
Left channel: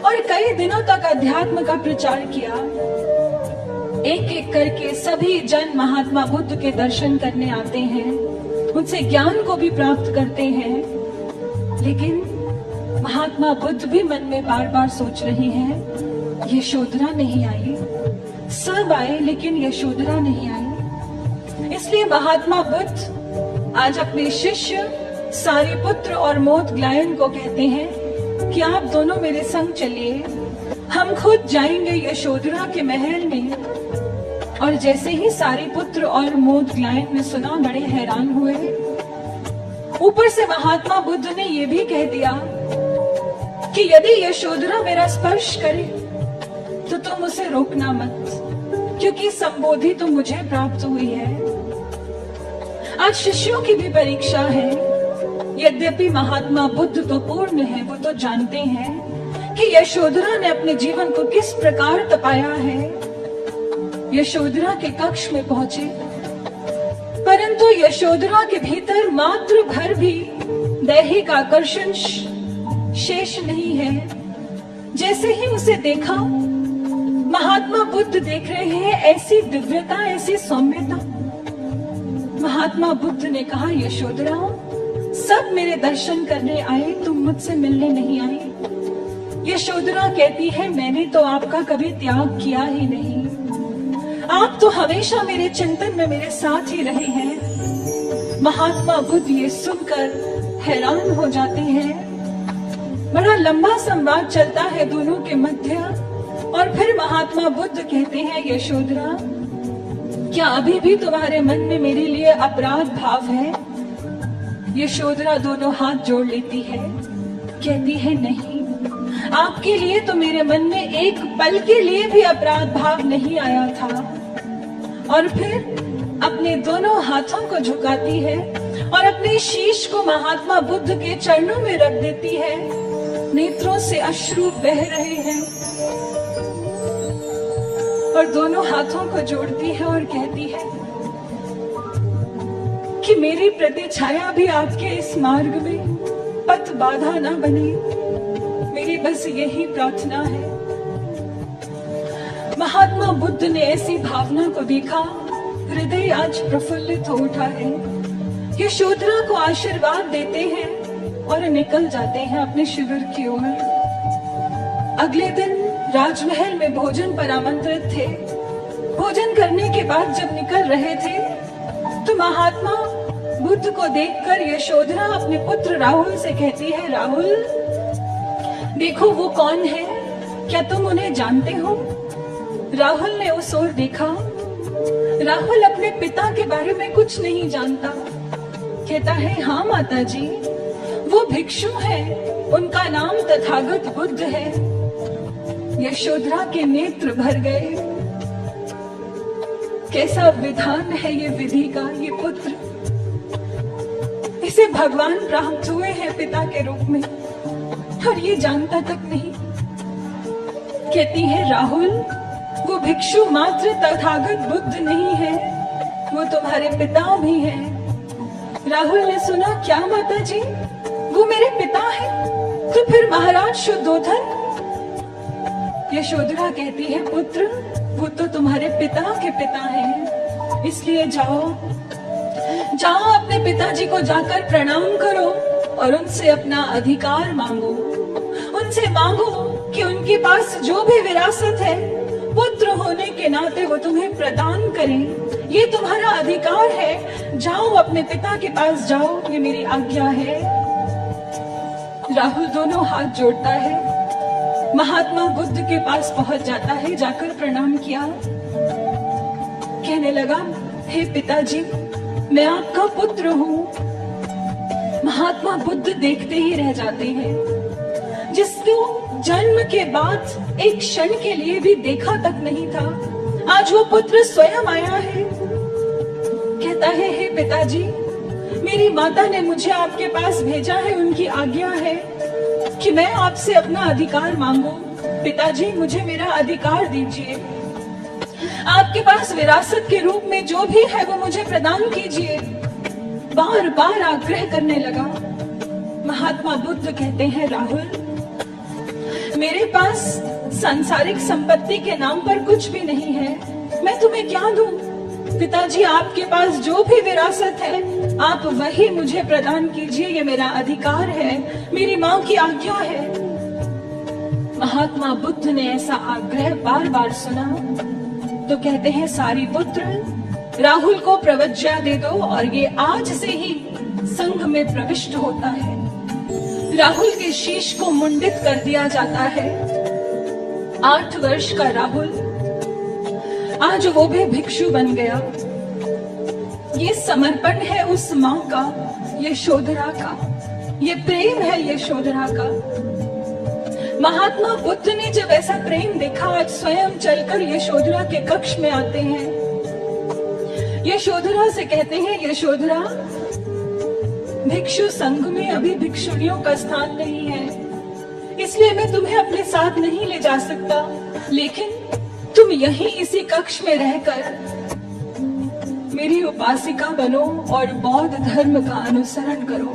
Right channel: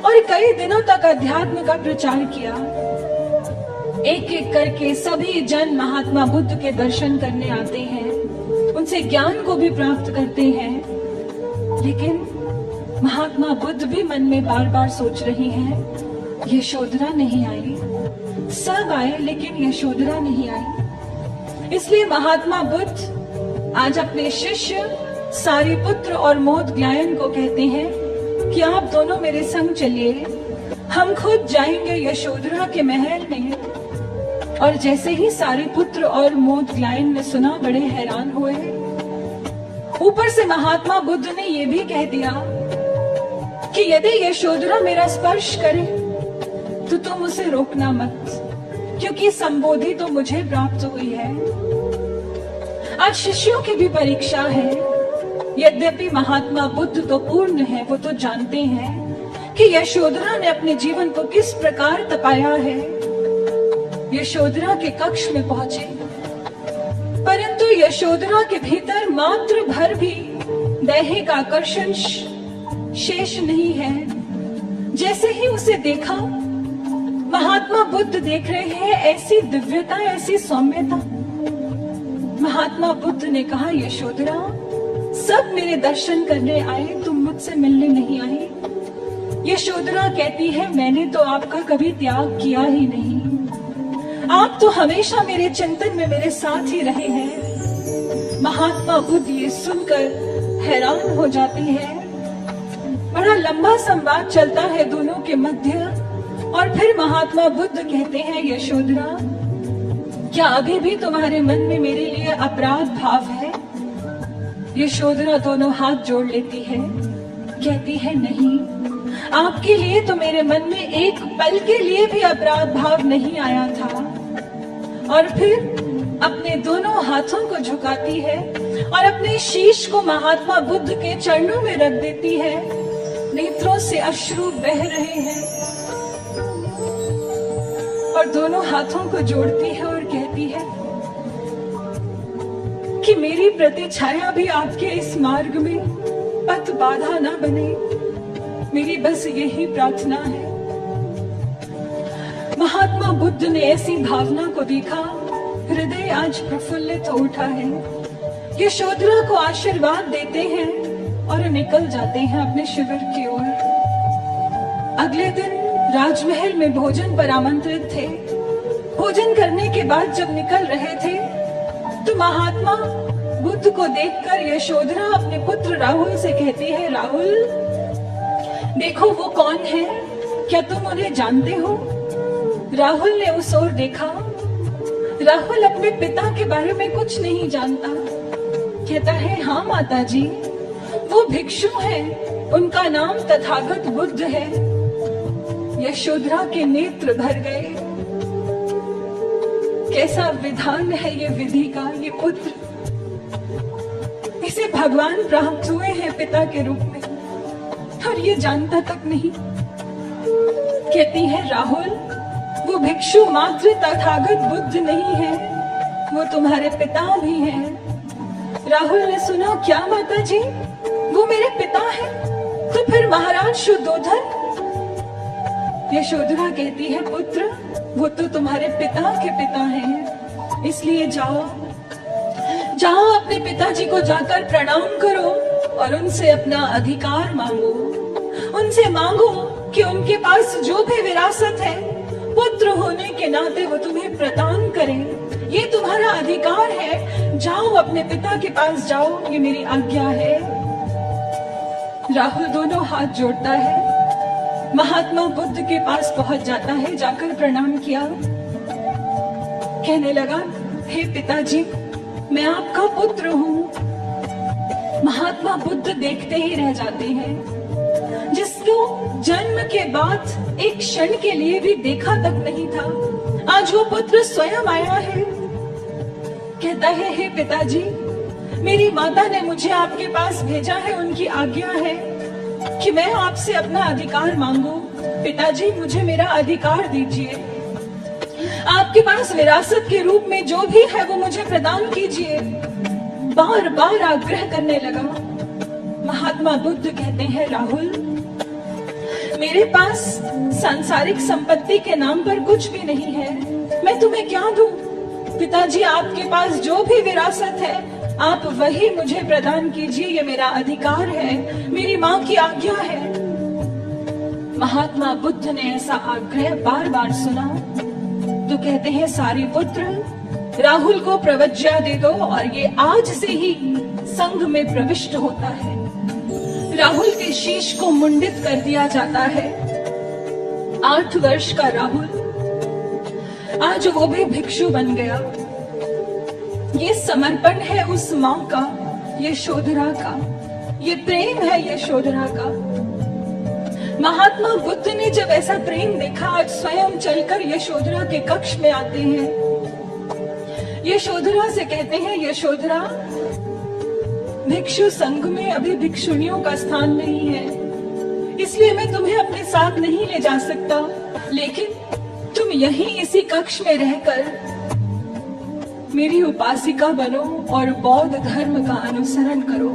और कई दिनों तक अध्यात्म का प्रचार किया। एक एक करके सभी जन महात्मा बुद्ध के दर्शन करने आते हैं, उनसे ज्ञान को भी प्राप्त करते हैं, लेकिन महात्मा बुद्ध भी मन में बार बार सोच रहे हैं, यशोधरा नहीं आई। सब आए लेकिन यशोधरा नहीं आई। इसलिए महात्मा बुद्ध आज अपने शिष्य सारिपुत्र और मोदग्लायन को कहते हैं कि आप दोनों मेरे संग चलिए, हम खुद जाएंगे यशोधरा के महल में। और जैसे ही सारिपुत्र और मोदग्लायन ने सुना, बड़े हैरान हुए। ऊपर से महात्मा बुद्ध ने यह भी कह दिया कि यदि यशोधरा मेरा स्पर्श करे तो तुम उसे रोकना मत, क्योंकि संबोधि तो मुझे प्राप्त हुई है। आज शिष्यों की भी परीक्षा है। यद्यपि महात्मा बुद्ध तो पूर्ण है, वो तो जानते हैं कि यशोधरा ने अपने जीवन को किस प्रकार तपाया है। यशोधरा के कक्ष में पहुंचे, परंतु यशोधरा के भीतर मात्र भर भी दैहिक आकर्षण शेष नहीं है। जैसे ही उसे देखा, महात्मा बुद्ध देख रहे हैं, ऐसी दिव्यता, ऐसी सौम्यता। महात्मा बुद्ध ने कहा, यशोधरा, सब मेरे दर्शन करने आए, तुम मुझसे मिलने नहीं आई। यशोधरा कहती है, मैंने तो आपका कभी त्याग किया ही नहीं, आप तो हमेशा मेरे चिंतन में मेरे साथ ही रहे हैं। महात्मा बुद्ध ये सुनकर हैरान हो जाते हैं। बड़ा लंबा संवाद चलता है दोनों के मध्य, और फिर महात्मा बुद्ध कहते हैं, यशोधरा, क्या अभी भी तुम्हारे मन में मेरे लिए अपराध भाव है? यशोधरा दोनों हाथ जोड़ लेती है, कहती है, नहीं, आपके लिए तो मेरे मन में एक पल के लिए भी अपराध भाव नहीं आया था। और फिर अपने दोनों हाथों को झुकाती है और अपने शीश को महात्मा बुद्ध के चरणों में रख देती है। नेत्रों से अश्रु बह रहे हैं और दोनों हाथों को जोड़ती है और कहती है कि मेरी प्रतिछाया भी आपके इस मार्ग में पथ बाधा न बने, मेरी बस यही प्रार्थना है। महात्मा बुद्ध ने ऐसी भावना को देखा, हृदय आज प्रफुल्लित हो उठा है। यशोधरा को आशीर्वाद देते हैं और निकल जाते हैं अपने शिविर की ओर। अगले दिन राजमहल में भोजन पर आमंत्रित थे। भोजन करने के बाद जब निकल रहे थे तो महात्मा बुद्ध को देखकर यशोधरा अपने पुत्र राहुल से कहती है, राहुल, देखो वो कौन है, क्या तुम उन्हें जानते हो? राहुल ने उस ओर देखा। राहुल अपने पिता के बारे में कुछ नहीं जानता। कहता है, हाँ माता जी, वो भिक्षु हैं, उनका नाम तथागत बुद्ध है। यशोधरा के नेत्र भर गए। कैसा विधान है ये विधि का, ये पुत्र, इसे भगवान प्राप्त हुए हैं पिता के रूप में और ये जानता तक नहीं। कहती है, राहुल, वो भिक्षु मात्र तथागत बुद्ध नहीं है, वो तुम्हारे पिता भी हैं। राहुल ने सुना, क्या माता जी, वो मेरे पिता है? तो फिर महाराज शुद्धोधन? यशोधरा कहती है, पुत्र, वो तो तुम्हारे पिता के पिता हैं, इसलिए जाओ जाओ अपने पिताजी को जाकर प्रणाम करो और उनसे अपना अधिकार मांगो। उनसे मांगो कि उनके पास जो भी विरासत है, पुत्र होने के नाते वो तुम्हें प्रदान करें। ये तुम्हारा अधिकार है। जाओ अपने पिता के पास जाओ, ये मेरी आज्ञा है। राहुल दोनों हाथ जोड़ता है, महात्मा बुद्ध के पास पहुंच जाता है। जाकर प्रणाम किया, कहने लगा, हे पिताजी, मैं आपका पुत्र हूँ। महात्मा बुद्ध देखते ही रह जाते हैं। जिसको जन्म के बाद एक क्षण के लिए भी देखा तक नहीं था, आज वो पुत्र स्वयं आया है, कहता है, हे पिताजी, मेरी माता ने मुझे आपके पास भेजा है, उनकी आज्ञा है कि मैं आपसे अपना अधिकार मांगू। पिताजी, मुझे मेरा अधिकार दीजिए। आपके पास विरासत के रूप में जो भी है वो मुझे प्रदान कीजिए। बार बार आग्रह करने लगा। महात्मा बुद्ध कहते हैं, राहुल, मेरे पास सांसारिक संपत्ति के नाम पर कुछ भी नहीं है, मैं तुम्हें क्या दूं? पिताजी, आपके पास जो भी विरासत है आप वही मुझे प्रदान कीजिए, ये मेरा अधिकार है, मेरी मां की आज्ञा है। महात्मा बुद्ध ने ऐसा आग्रह बार बार सुना तो कहते हैं, सारी पुत्र, राहुल को प्रवज्ञा दे दो और ये आज से ही संघ में प्रविष्ट होता है। राहुल के शीश को मुंडित कर दिया जाता है। 8 वर्ष का राहुल आज वो भी भिक्षु बन गया। ये समर्पण है उस मां का, यशोधरा का, ये प्रेम है यशोधरा का। महात्मा बुद्ध ने जब ऐसा प्रेम देखा, आज स्वयं चलकर यशोधरा के कक्ष में आते हैं। यशोधरा से कहते हैं, यशोधरा, भिक्षु संघ में अभी भिक्षुणियों का स्थान नहीं है, इसलिए मैं तुम्हें अपने साथ नहीं ले जा सकता, लेकिन तुम यहीं इसी कक्ष में रहकर मेरी उपासिका बनो और बौद्ध धर्म का अनुसरण करो।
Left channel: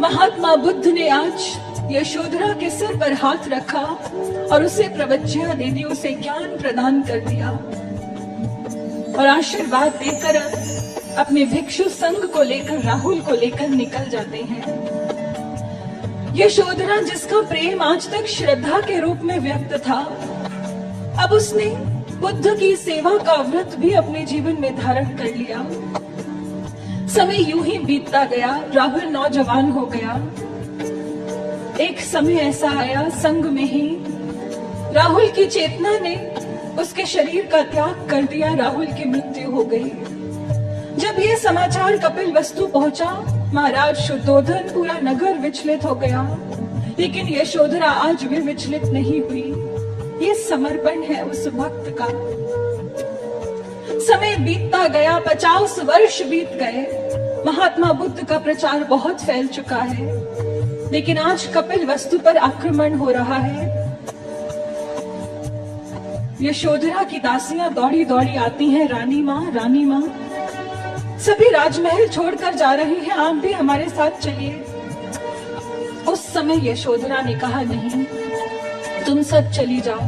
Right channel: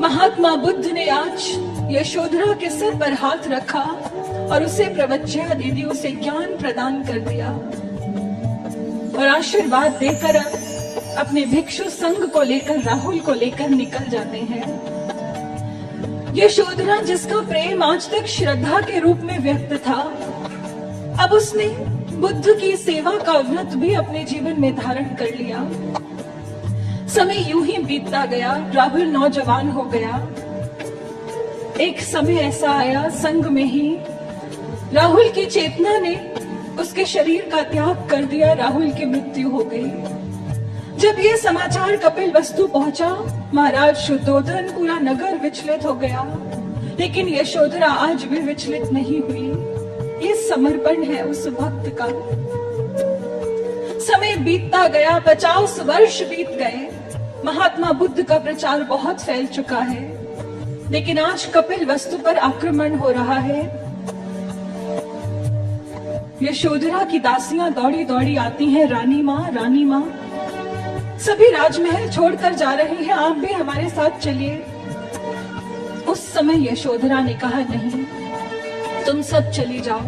महात्मा बुद्ध ने आज यशोधरा के सिर पर हाथ रखा और उसे प्रवज्ञा दे दी, उसे ज्ञान प्रदान कर दिया और आशीर्वाद देकर अपने भिक्षु संघ को लेकर, राहुल को लेकर निकल जाते हैं। यशोधरा, जिसका प्रेम आज तक श्रद्धा के रूप में व्यक्त था, अब उसने बुद्ध की सेवा का व्रत भी अपने जीवन में धारण कर लिया। समय यूं ही बीतता गया, राहुल नौजवान हो गया। एक समय ऐसा आया, संग में ही राहुल की चेतना ने उसके शरीर का त्याग कर दिया, राहुल की मृत्यु हो गई। जब ये समाचार कपिल वस्तु पहुंचा, महाराज शुद्धोधन, पूरा नगर विचलित हो गया, लेकिन यशोधरा आज भी विचलित नहीं हुई। ये समर्पण है उस भक्त का। समय बीतता गया, 50 वर्ष बीत गए। महात्मा बुद्ध का प्रचार बहुत फैल चुका है, लेकिन आज कपिल वस्तु पर आक्रमण हो रहा है। यशोधरा की दासियां दौड़ी दौड़ी आती हैं, रानी माँ, रानी माँ। सभी राजमहल छोड़कर जा रहे हैं, आप भी हमारे साथ चलिए। उस समय यशोधरा ने कहा, नहीं, तुम सब चली जाओ,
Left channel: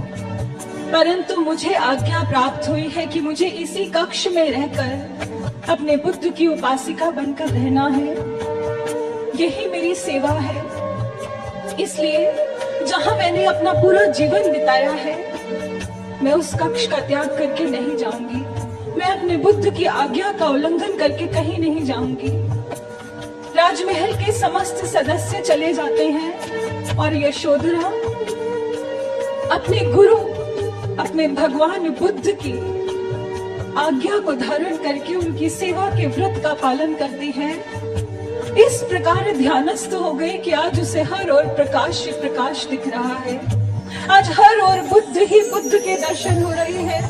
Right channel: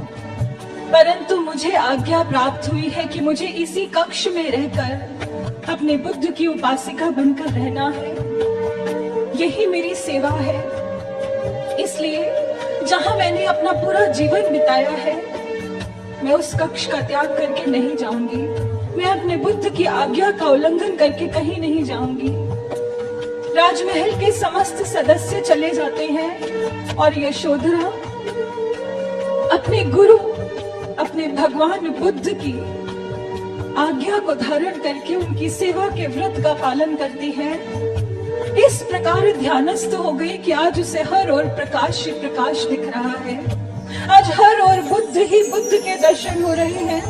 परंतु मुझे आज्ञा प्राप्त हुई है कि मुझे इसी कक्ष में रहकर अपने बुद्ध की उपासिका बनकर रहना है, यही मेरी सेवा है। इसलिए जहां मैंने अपना पूरा जीवन बिताया है, मैं उस कक्ष का त्याग करके नहीं जाऊंगी। मैं अपने बुद्ध की आज्ञा का उल्लंघन करके कहीं नहीं जाऊंगी। राजमहल के समस्त सदस्य चले जाते हैं और यशोधरा अपने गुरु, अपने भगवान बुद्ध की आज्ञा को धारण करके उनकी सेवा के व्रत का पालन करती है। इस प्रकार ध्यानस्थ हो गए कि आज उसे हर ओर प्रकाश ही प्रकाश दिख रहा है। आज हर ओर बुद्ध ही बुद्ध के दर्शन हो रहे हैं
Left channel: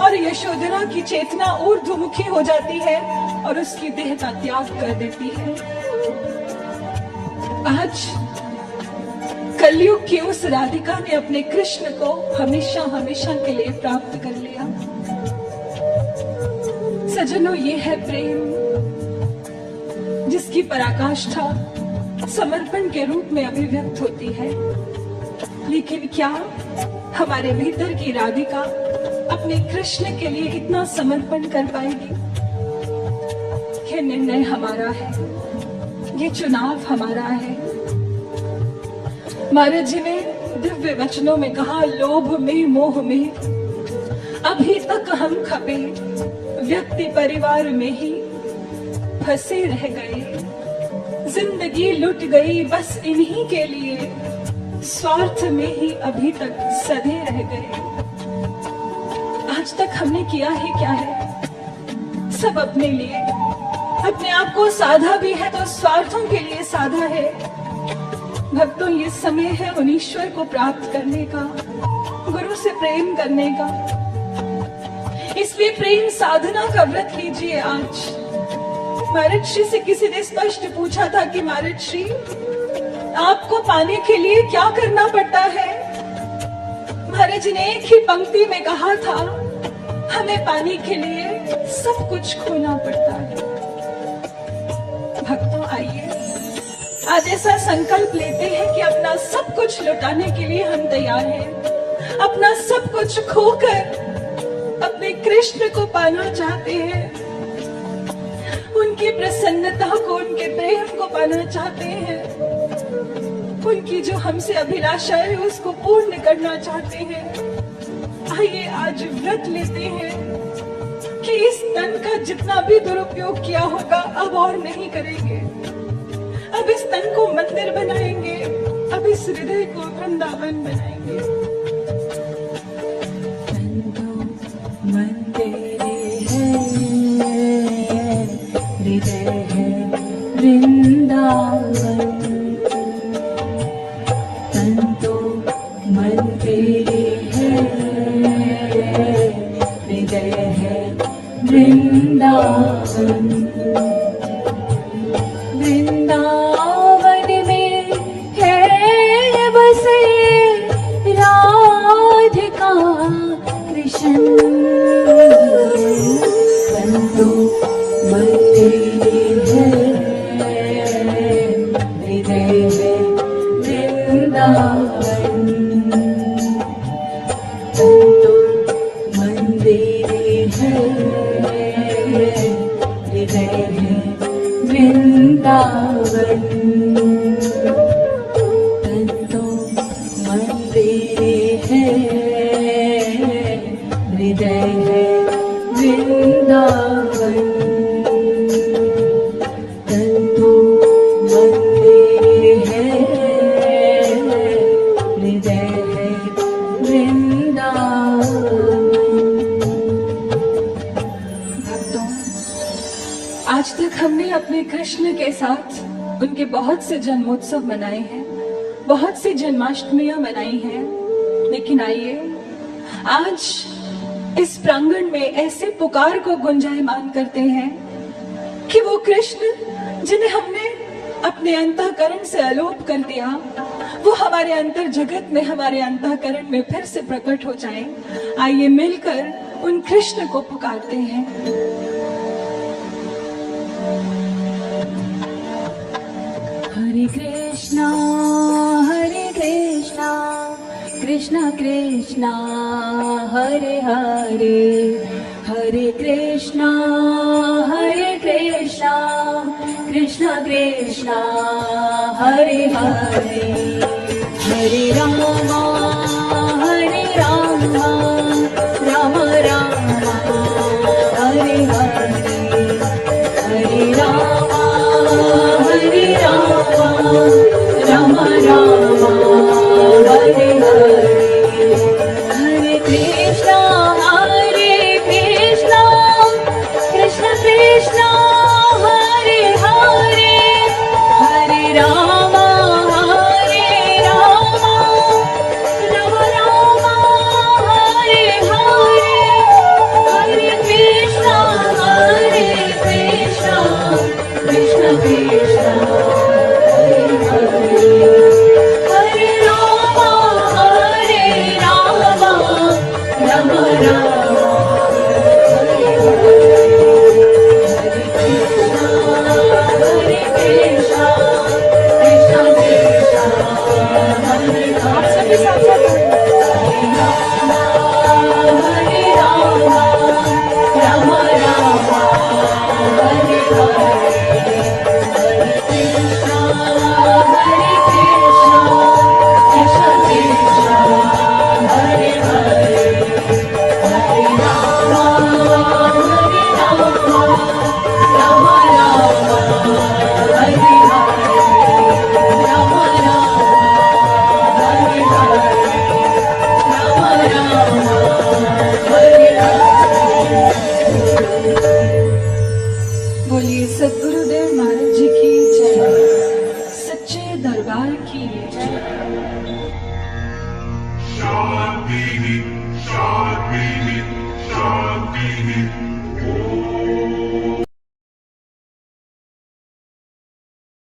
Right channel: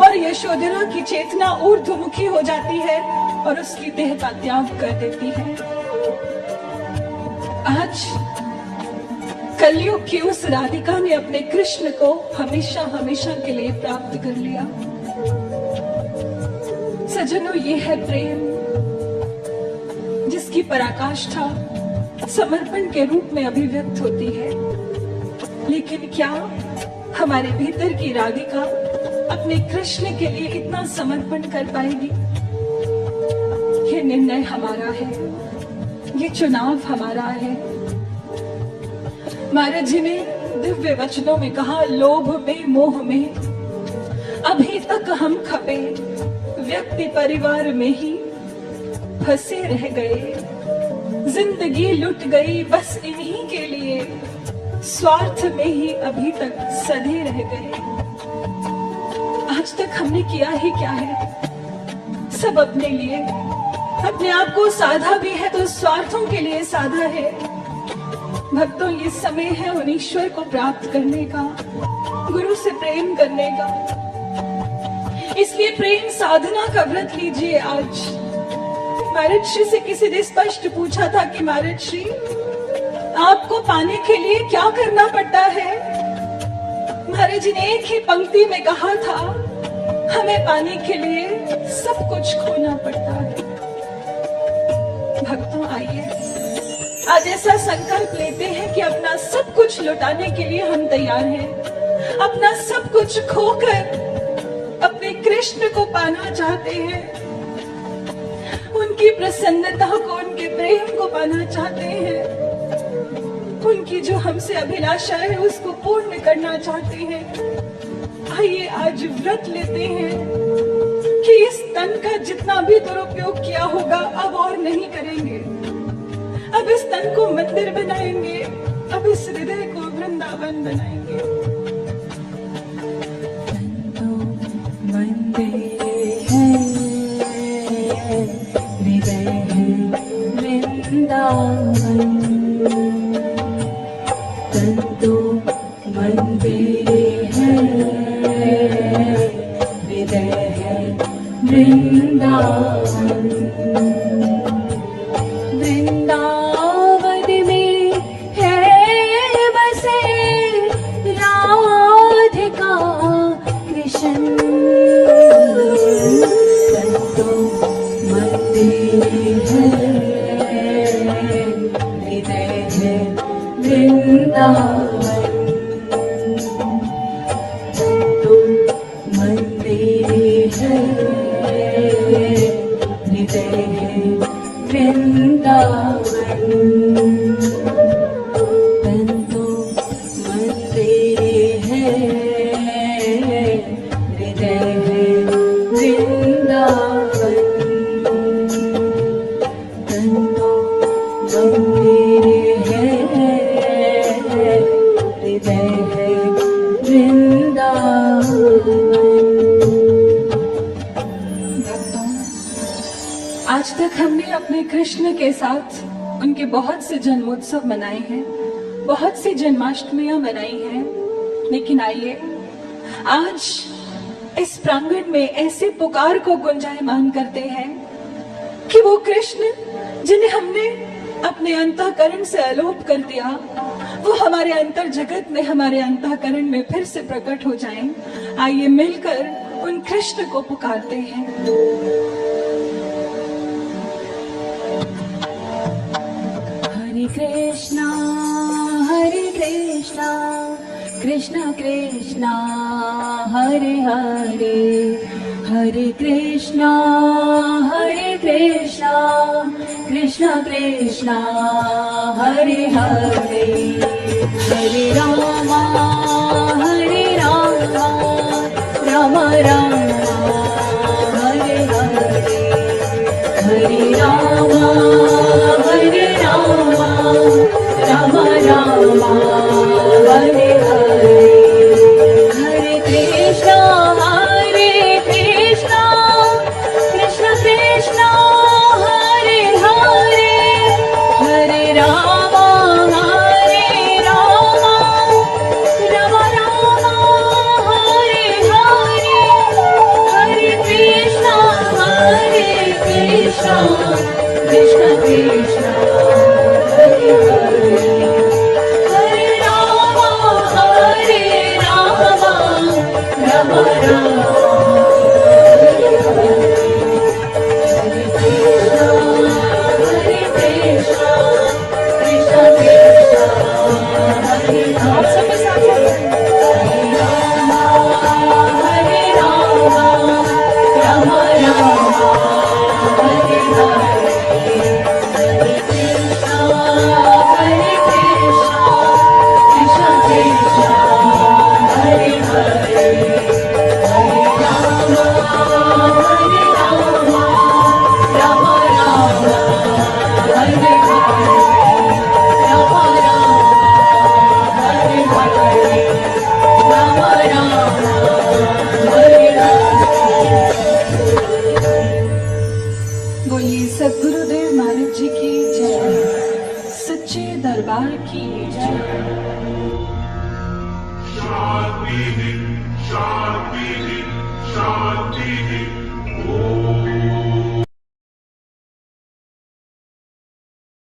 और यशोधरा की चेतना ऊर्ध्वमुखी हो जाती है और उसकी देह का त्याग कर देती है। आज कलयुग की उस राधिका ने अपने कृष्ण को हमेशा हमेशा के लिए प्राप्त कर लिया। सज्जनों, ये है प्रेम जिसकी पराकाष्ठा समर्पण के रूप में अभिव्यक्त होती है। लेकिन क्या हमारे भीतर की राधिका अपने कृष्ण के लिए इतना समर्पण कर पाएगी? ये निर्णय हमारा है, ये चुनाव हमारा है। महाराज जी ने दिव्य वचनों में कहा, लोभ में मोह में अभी तक हम खपे, व्यक्ति परिवार में ही फंसे रह गए। जिंदगी लुट गई बस इन्हीं के लिए, स्वार्थ में ही अभी तक सधे रह गए। आज तक हमने किया ही क्या है? सब अपने लिए, अपने आप को साधा भी है तो स्वार्थों के लिए साधा है। भक्तों, ये समय है उन ईश्वर को प्राप्त करने का, गुरु से प्रेम करने का। इसलिए प्रेम साधना का व्रत लीजिए आज। महाराज श्री से किसी ने स्पष्ट पूछा था कि महाराज श्री, आपको पाने के लिए क्या करना पड़ता है? महाराज जी ने एक ही पंक्ति में कहा था, हमें पाने के लिए सब कुछ खोना पड़ता है। भक्तों, आइए आज ऐसा संकल्प लेते हैं कि अपना सब कुछ लुटाने के लिए हम तैयार हैं। अपना सब कुछ खोकर अपने कृष्ण को पाना चाहते हैं, उनकी प्रसन्नता को, उनके प्रेम को पाना चाहते हैं, उनकी जो हमसे अभिलाषा है उसको पूर्ण करना चाहते हैं। आइए आज व्रत लेते हैं कि इस तन का जितना भी दुरुपयोग किया होगा अब और नहीं करेंगे। अब इस तन को मंदिर बनाएंगे, अब इस हृदय को वृंदावन बनाएंगे। मंदिर है, हृदय है वृंदावन। तन तो मंदिर है, हृदय है वृंदावन। वृंदावन में है बसे राधिका कृष्ण। तन तो मंदिर है, हृदय है वृंदावन। तन तो मंदिर है, हृदय है वृंदावन। तन तो मंदिर है, हृदय है वृंदावन। तन तो मंदिर है, हृदय है वृंदावन। भक्तों, आज तक हमने अपने कृष्ण के साथ उनके बहुत से जन्मोत्सव मनाए हैं, बहुत सी जन्माष्टमियां मनाई हैं, लेकिन आइए आज इस प्रांगण में ऐसे पुकार को गुंजायमान करते हैं कि वो कृष्ण जिन्हें हमने अपने अंतःकरण से अलोप कर दिया, वो हमारे अंतर जगत में, हमारे अंतःकरण में फिर से प्रकट हो जाएं। आइए मिलकर उन कृष्ण को पुकारते हैं। हरे कृष्णा कृष्ण कृष्णा हरे हरे, हरे कृष्णा कृष्ण कृष्णा हरे हरे, हरे रामा राम राम हरे हरे, हरे रामा राम राम हरे हरे, हरे कृष्णा कृष्ण कृष्णा हरे हरे, हरे राम राम राम हरे हरे, हरे कृष्णा कृष्ण कृष्णा हरे हरे, हरे राम राम राम आप सभी साथ साथ बोलिए सद्गुरुदेव महाराज जी की जय, सच्चे दरबार की जय। Shanti, Shanti, Shanti.